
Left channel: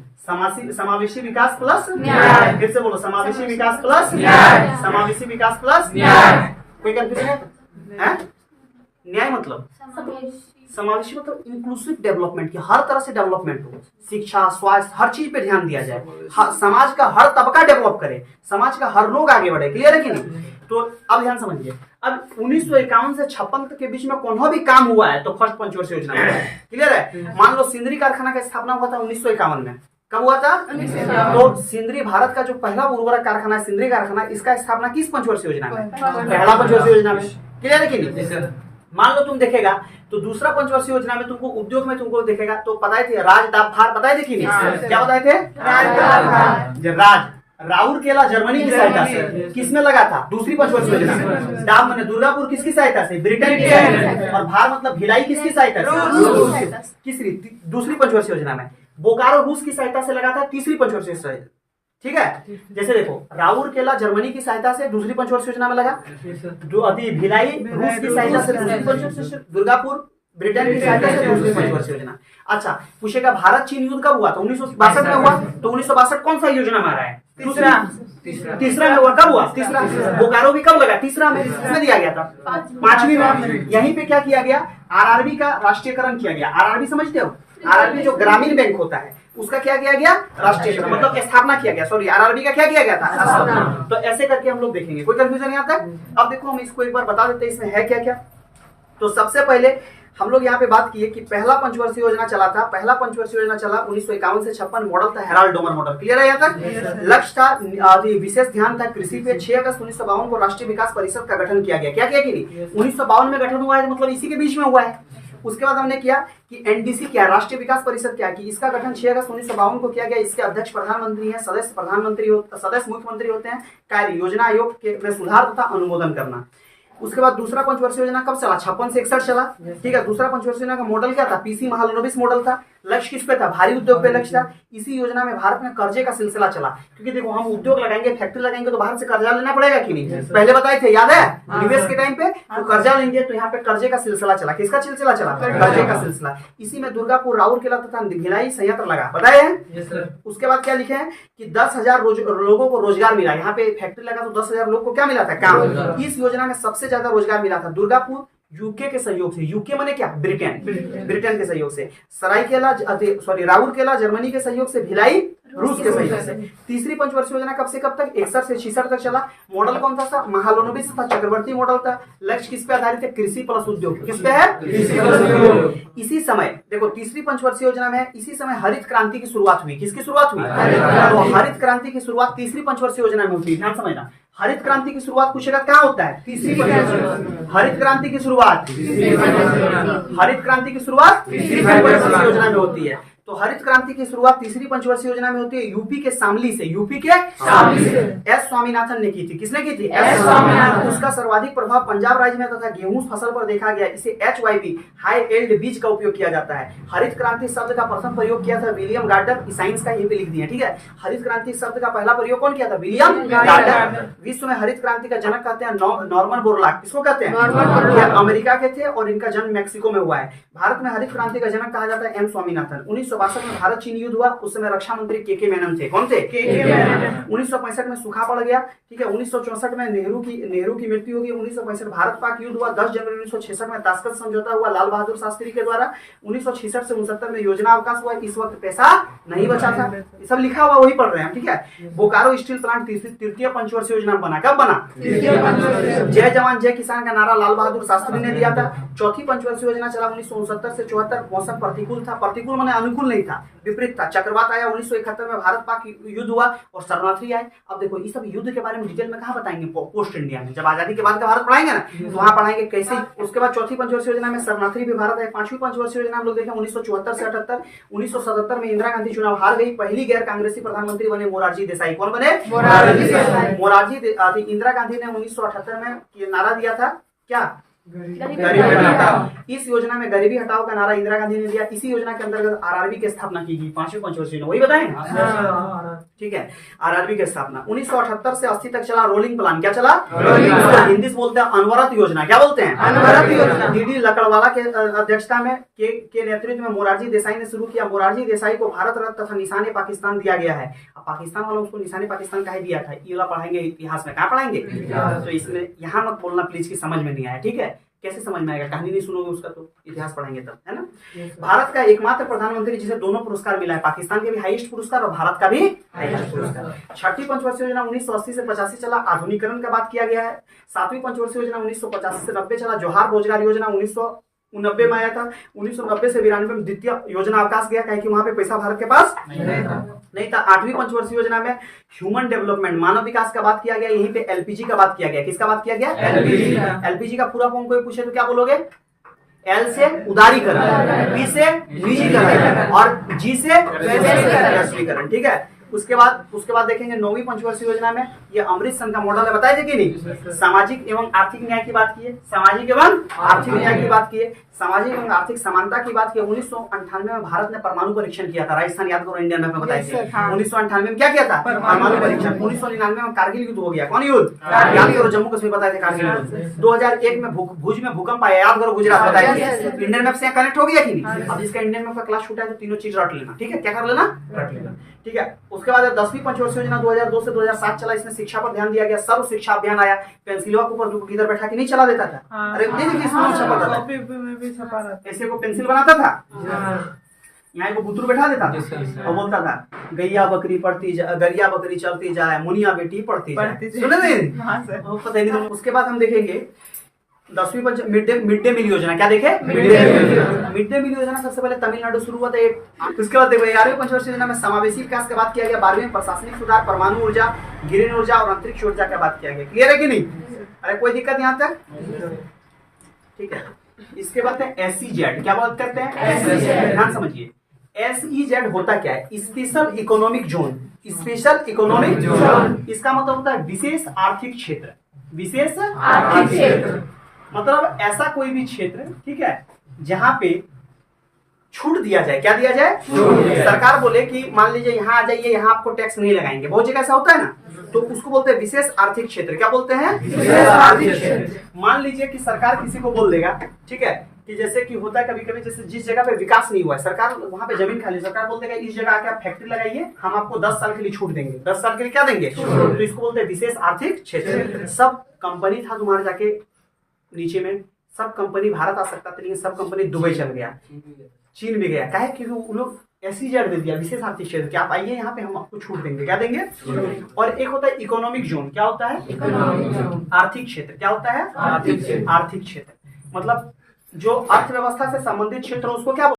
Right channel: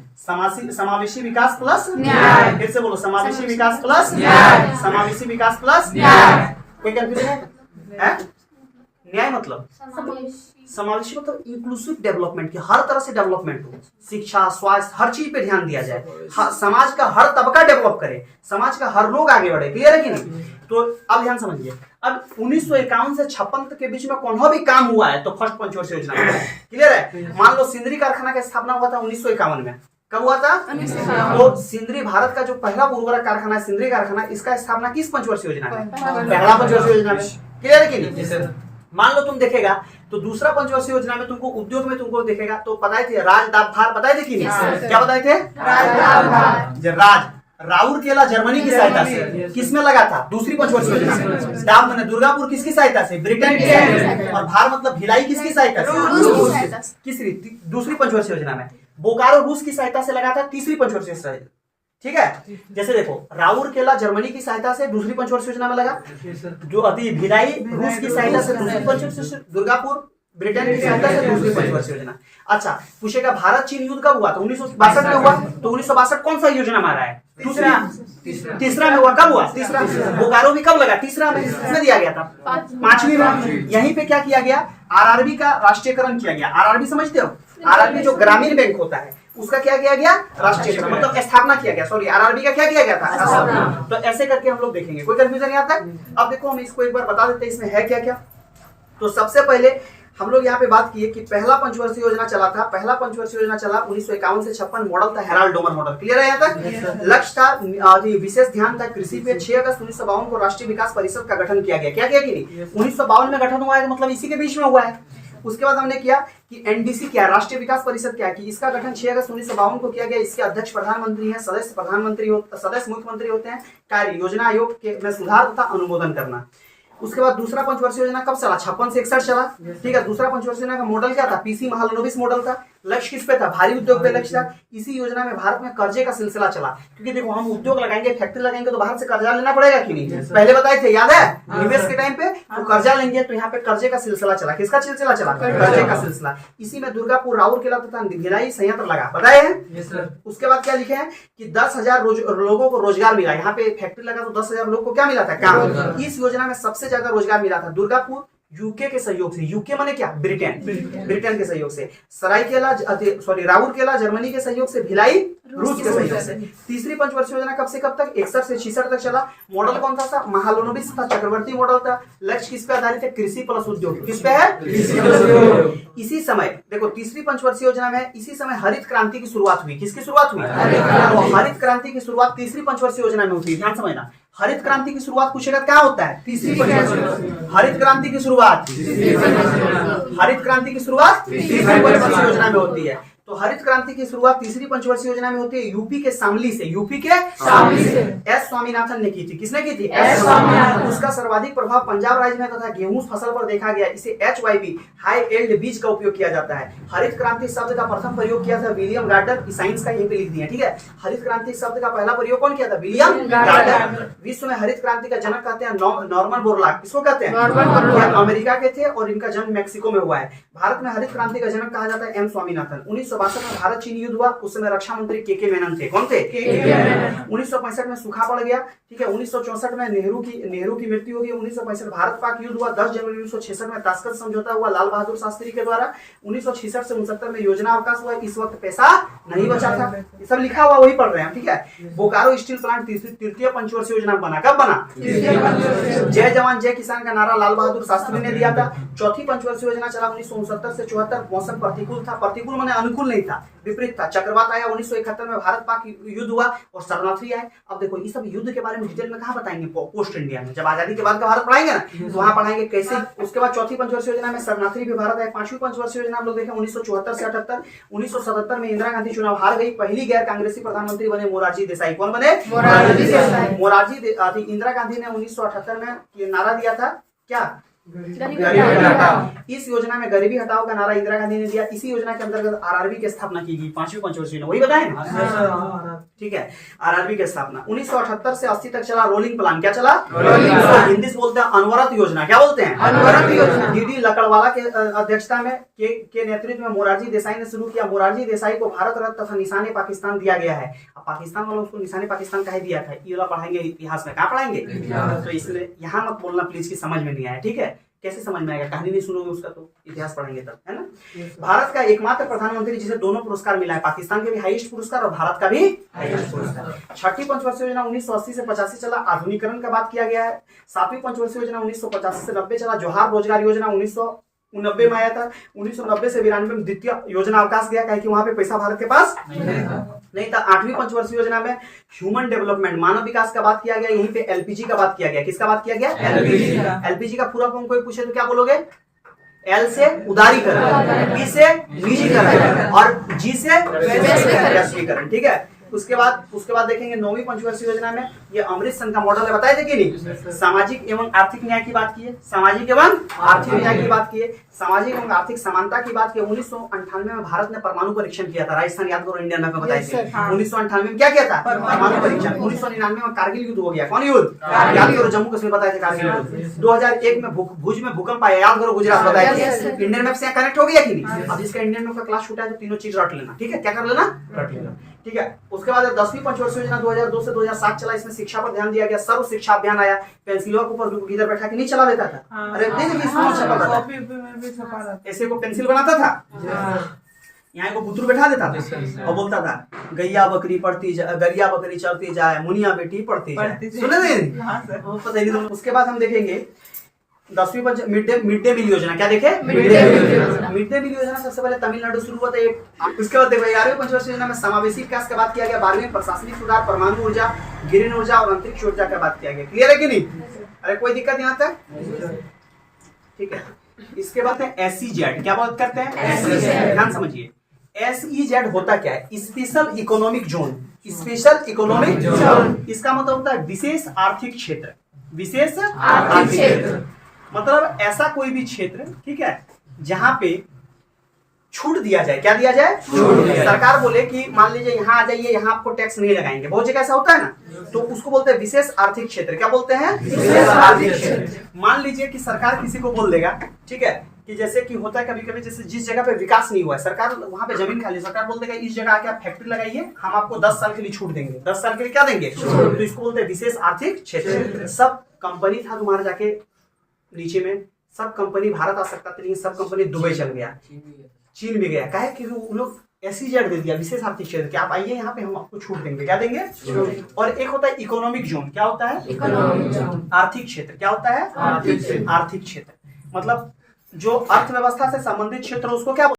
समावेशी विकास प्लस न्याय। फिर से बोलो, समावेशी विकास प्लस न्याय। समावेशी विकास प्लस न्याय। कोई कंफ्यूजन है? न्याय मतलब समावेशी समावेशी मतलब इंक्लूसिव डेवलपमेंट की, हर तरह से डेवलपमेंट हो, शिक्षा, स्वास्थ्य, हर चीज पे ध्यान दिया जाए, समाज का हर तबका डेवलप करे, समाज का हर लोग आगे बढ़े। क्लियर है कि नहीं? तो अब ध्यान समझिए, अब 1951 से 56 तक के बीच में कौन भी काम हुआ है तो फर्स्ट पंचवर्षीय योजना में। क्लियर है? मान लो सिंदरी कारखाना की स्थापना हुआ था 1951 में। कब हुआ था? तो सिंदरी भारत का जो पहला उर्वरक कारखाना है सिंदरी कारखाना, इसका स्थापना किस पंचवर्षीय योजना में? पहला पंचवर्षीय योजना में। क्लियर है कि नहीं? मान लो तुम देखेगा तो दूसरा पंचवर्षीय योजना में तुमको उद्योग में तुमको देखेगा तो बताए थे राजदाभार, बताए थे कि नहीं? क्या बताए थे? राज राउरकेला जर्मनी की सहायता से किसमें लगा था? दूसरी पंचवर्षीय योजना में। डाब माने दुर्गापुर किसकी सहायता से? ब्रिटेन की सहायता से। और भार मतलब भिलाई किसकी सहायता से? किसरी? दूसरी पंचवर्षीय योजना में। बोकारो रूस की सहायता से लगा था, तीसरी पंचवर्षीय योजना। ठीक है, जैसे देखो राउरकेला जर्मनी की सहायता से दूसरी पंचवर्षीय योजना में लगा, जो अभी भिलाई रूस की सहायता से दूसरी पंचवर्षीय, दुर्गापुर ब्रिटेन की सहायता से दूसरी पंचवर्षीय योजना। अच्छा पूछेगा भारत चीन युद्ध कब हुआ? तो 1962 में हुआ। तो 1962 कौन सा योजना में आ रहा है? तीसरा में हुआ। कब हुआ? तीसरा। बोकारो भी कब लगा? तीसरा में। इसमें दिया गया था 5वीं में। यहीं पे क्या किया गया? आरआरबी का राष्ट्रीयकरण किया गया। आरआरबी समझते हो? आरआरबी जो ग्रामीण बैंक होता है उसका क्या किया गया? राष्ट्रीयकरण, मतलब स्थापना किया गया। सॉरी, आरआरबी का क्या किया गया था? तो ऐसे करके हम लोग देखेंगे, कोई कंफ्यूजन नहीं आता है? अब देखो हम इसको एक बार बता देते हैं इसमें है क्या क्या। तो सबसे पहले हम लोग यहाँ पे बात किए कि पहला पंचवर्षीय योजना चला था। पहला पंचवर्षीय योजना चला 1951 से 56। मॉडल था हेराल्ड डोमर मॉडल। क्लियर है यहाँ तक? लक्ष्य था, विशेष ध्यान था कृषि पे। 6 अगस्त 1952 को राष्ट्रीय विकास परिषद का गठन किया गया। क्या किया कि नहीं? 1952 में गठन हुआ है, मतलब इसी के बीच में हुआ है। उसके बाद हमने किया कि एनडीसी क्या, राष्ट्रीय विकास परिषद क्या की, इसका गठन 6 अगस्त 1952 को किया गया। इसके अध्यक्ष प्रधानमंत्री हैं, सदस्य सदस्य मुख्यमंत्री होते हैं। कार्य योजना आयोग के में सुधार तथा अनुमोदन करना। उसके बाद दूसरा पंचवर्षीय योजना कब चला? 56 से 61 चला। ठीक है, दूसरा पंचवर्षीय योजना का मॉडल क्या था? पीसी महालनोबिस मॉडल था। लक्ष्य किस पे था? भारी उद्योग पे लक्ष्य था। इसी योजना में भारत में कर्जे का सिलसिला चला, क्योंकि देखो हम उद्योग लगाएंगे, फैक्ट्री लगाएंगे तो बाहर से कर्जा लेना पड़ेगा कि नहीं? पहले बताए थे, याद है? निवेश के टाइम पे तो कर्जा लेंगे, तो यहाँ पे कर्जे का सिलसिला चला। किसका सिलसिला चला? कर्जे का सिलसिला। इसी में दुर्गापुर, राउरकेला तथा भिलाई संयंत्र लगा। बताए हैं? उसके बाद क्या लिखे हैं कि 10,000 लोगों को रोजगार मिला। यहाँ पे फैक्ट्री लगा तो 10,000 लोग को क्या मिला था? काम। इस योजना में सबसे ज्यादा रोजगार मिला था दुर्गापुर यूके के सहयोग से। यूके माने क्या? ब्रिटेन। ब्रिटेन के सहयोग से। राउरकेला जर्मनी के सहयोग से। भिलाई रूस के सहयोग से। तीसरी पंचवर्षीय योजना कब से कब तक? 61 से 66 तक चला। मॉडल कौन था? महालनोबिस था, चक्रवर्ती मॉडल था। लक्ष्य किस पे आधारित है? कृषि प्लस उद्योग। किस पे है? कृषि प्लस उद्योग। इसी समय देखो तीसरी पंचवर्षीय योजना में इसी समय हरित क्रांति की शुरुआत हुई। किसकी शुरुआत हुई? तो हरित क्रांति की शुरुआत तीसरी पंचवर्षीय योजना में होती है। ध्यान समझना, हरित क्रांति की शुरुआत पूछेगा क्या होता है? तीसरी पंचवर्षीय। हरित क्रांति की शुरुआत हरित क्रांति की शुरुआत तीसरी पंचवर्षीय योजना में होती है। तो हरित क्रांति की शुरुआत तीसरी पंचवर्षीय योजना में होती है यूपी के शामली से। यूपी के शामली से एस स्वामीनाथन ने की थी। किसने की थी? एस स्वामीनाथन। उसका सर्वाधिक प्रभाव पंजाब राज्य में तथा गेहूं फसल पर देखा गया। इसे HYB हाई एल्ड बीज का उपयोग किया जाता है। हरित क्रांति शब्द का प्रथम प्रयोग किया था विलियम गार्डनर। साइंस का यहीं पे लिख दिया। ठीक है, हरित क्रांति शब्द का पहला प्रयोग कौन किया था? William Gardner. विश्व में हरित क्रांति का जनक कहते हैं नॉर्मन बोरलॉग। किसको कहते हैं? अमेरिका के थे और इनका जन्म मैक्सिको में हुआ है। भारत में हरित क्रांति का जनक कहा जाता है M स्वामीनाथन। 1962 में भारत चीन युद्ध हुआ। उस समय रक्षा मंत्री के मेनन थे। कौन थे? 1965 में सूखा पड़ गया। ठीक है, 1964 में नेहरू की मृत्यु हो गई। 1965 भारत पाक युद्ध हुआ। 10 जनवरी 1966 में ताशकंद समझौता हुआ लाल बहादुर शास्त्री के द्वारा। 1966 से 69 में योजना अवकाश हुआ। इस वक्त पैसा नहीं बचा था। ये सब लिखा हुआ वही पढ़ रहे हैं। ठीक है, बोकारो स्टील प्लांट तृतीय पंचवर्षीय योजना बना। कब बना? जय जवान जय किसान का नारा लाल बहादुर शास्त्री ने दिया था। चौथी पंचवर्षीय योजना चला 1969 से 74। मौसम प्रतिकूल था। प्रतिकूल माने अनुकूल बिल्कुल नहीं था, विपरीत था। चक्रवात आया 1971 में, भारत पाक युद्ध हुआ और शरणार्थी आए। अब देखो ये सब युद्ध के बारे में डिटेल में कहाँ बताएंगे, पोस्ट इंडिया में, जब आजादी के बाद का भारत पढ़ाएंगे ना तो वहां पढ़ाएंगे कैसे। उसके बाद चौथी पंचवर्षीय योजना में शरणार्थी भी भारत आए। पांचवी पंचवर्षीय योजना हम लोग देखें 1974 से 78। 1977 में इंदिरा गांधी चुनाव हार गई, पहली गैर कांग्रेसी प्रधानमंत्री बने मोरारजी देसाई। कौन बने? मोरारजी। इंदिरा गांधी ने 1978 में ये नारा दिया था, क्या? गरीबी हटाओ। इस योजना में गरीबी हटाओ का नारा इंदिरा गांधी ने दिया। इसी योजना के अंतर्गत आरआरबी की स्थापना की गई, पांचवी पंचवर्षीय, वही बताएं ना? ठीक है, आरआरबी की स्थापना 1978 से 80 तक चला रोलिंग प्लान। क्या चला? Rolling plan. हिंदी से बोलते हैं अनवरत योजना। क्या बोलते हैं? अनवरत योजना। डीडी लकड़वाला के अध्यक्षता में के नेतृत्व में मोरारजी देसाई ने शुरू किया। मोरारजी देसाई को भारत रत्न तथा निशाने पाकिस्तान दिया गया है। अब पाकिस्तान वालों उसको निशाने पाकिस्तान का ही दिया था। ये वाला पढ़ाएंगे इतिहास में, कहाँ पढ़ाएंगे? तो इसमें यहाँ मत बोलना प्लीज की समझ में नहीं आया, ठीक है? कैसे समझ में आएगा, कहानी नहीं सुनोगे उसका तो इतिहास पढ़ाएंगे तब, है ना? भारत का एकमात्र प्रधानमंत्री जिसे दोनों पुरस्कार मिला है, पाकिस्तान के भी हाईएस्ट पुरस्कार और भारत का भी हाईएस्ट पुरस्कार। छठी पंचवर्षीय योजना 1980 से 85 चला, आधुनिकरण का बात किया गया है। सातवीं पंचवर्षीय योजना 1985 से 90 चला। जोहार रोजगार योजना 1990 में आया था। 1990 से 92 में द्वितीय योजना अवकाश गया, कहे कि वहां पे पैसा भारत के पास नहीं था। आठवीं पंचवर्षीय योजना में ह्यूमन डेवलपमेंट, मानव विकास का बात किया गया। यहीं पे एलपीजी का बात किया गया। किसका बात किया गया? एलपीजी का पूरा फॉर्म कोई पूछे तो क्या बोलोगे? एल से उदारीकरण, पी से निजीकरण और जी से वैश्वीकरण, ठीक है? उसके बाद देखेंगे नौवीं पंचवर्षीय योजना में ये अमृत संघ का मॉडल है, बताया थे कि नहीं? सामाजिक एवं आर्थिक न्याय की बात की है, सामाजिक एवं आर्थिक न्याय की बात की है, सामाजिक एवं आर्थिक समानता की बात की। 1998 में भारत ने परमाणु परीक्षण किया था। राजस्थान याद करो, इंडियन मैप में बताया था। 1998 में क्या किया था? परमाणु परीक्षण। 1999 में कारगिल युद्ध हो गया। कौन युद्ध? याद करो, जम्मू कश्मीर बताए थे कारगिल युद्ध। 2001 में भुज में भूकंप आया, याद करो, गुजरात बताया था। इंडियन मैप से कनेक्ट हो गया कि नहीं? अब इसका इंडियन मैप का क्लास छूटा है तो तीनों चीज रट लेना, ठीक है? क्या कर लेना? रट लेना, ठीक है? उसके बाद 10वीं पंचवर्षीय योजना 2002 से 2007 चला। इसमें शिक्षा पर ध्यान दिया गया। सर्व शिक्षा अभियान आया। पेंसिलवा के ऊपर किधर बैठा के नहीं चला देता था, अरे ऐसे को पेंसिल बनाता था, यहाँ को बुतरू बैठा देता था और बोलता था गैया बकरी पढ़ती जाए, गरिया बकरी चलती जाए, मुनिया बेटी पढ़ती जाए। सुने थे? उसके बाद हम देखेंगे 10वीं मिड डे मील योजना। क्या देखे? मिड डे मील योजना सबसे पहले तमिलनाडु शुरू हुआ था। उसके बाद देखो 11वीं पंचवर्षीय योजना में समावेशी विकास की बात किया गया। 12वीं प्रशासनिक सुधार, परमाणु ऊर्जा, ग्रीन ऊर्जा और अंतरिक्ष ऊर्जा की बात किया गया। क्लियर है कि नहीं? अरे कोई दिक्कत यहाँ तक? ठीक है। इसके बाद है SEZ। क्या बात करते हैं? SEZ। ध्यान समझिए, SEZ होता क्या है? Special economic zone. Special economic zone इसका मतलब होता है विशेष आर्थिक क्षेत्र। विशेष आर्थिक क्षेत्र मतलब ऐसा कोई भी क्षेत्र, ठीक है, जहां पे छूट दिया जाए। क्या दिया जाए? सरकार बोले कि मान लीजिए यहाँ आ जाइए, यहाँ आपको टैक्स नहीं लगाएंगे। बहुत जगह ऐसा होता है ना, तो उसको बोलते हैं विशेष आर्थिक क्षेत्र। क्या बोलते हैं? विशेष आर्थिक क्षेत्र। मान लीजिए कि सरकार किसी को बोल देगा, ठीक है, कि जैसे कि होता है कभी कभी, जैसे जिस जगह पे विकास नहीं हुआ है, सरकार वहां पे जमीन खाली, सरकार बोल देगा इस जगह आके आप फैक्ट्री लगाइए, हम आपको 10 साल के लिए छूट देंगे। 10 साल के लिए क्या देंगे? तो इसको बोलते हैं विशेष आर्थिक क्षेत्र। सब कंपनी था तुम्हारे जाके नीचे में, सब कंपनी भारत आ सकता था, लेकिन सब कंपनी दुबई चल गया, चीन भी गया। क्या है कि वो लोग SEZ दे दिया, विशेष आर्थिक क्षेत्र, कि आप आइए यहाँ पे, हम आपको छूट देंगे। क्या देंगे? और एक होता है इकोनॉमिक जोन। क्या होता है? Economic zone. आर्थिक क्षेत्र। क्या होता है? आर्थिक क्षेत्र। मतलब जो अर्थव्यवस्था से संबंधित क्षेत्र, उसको क्या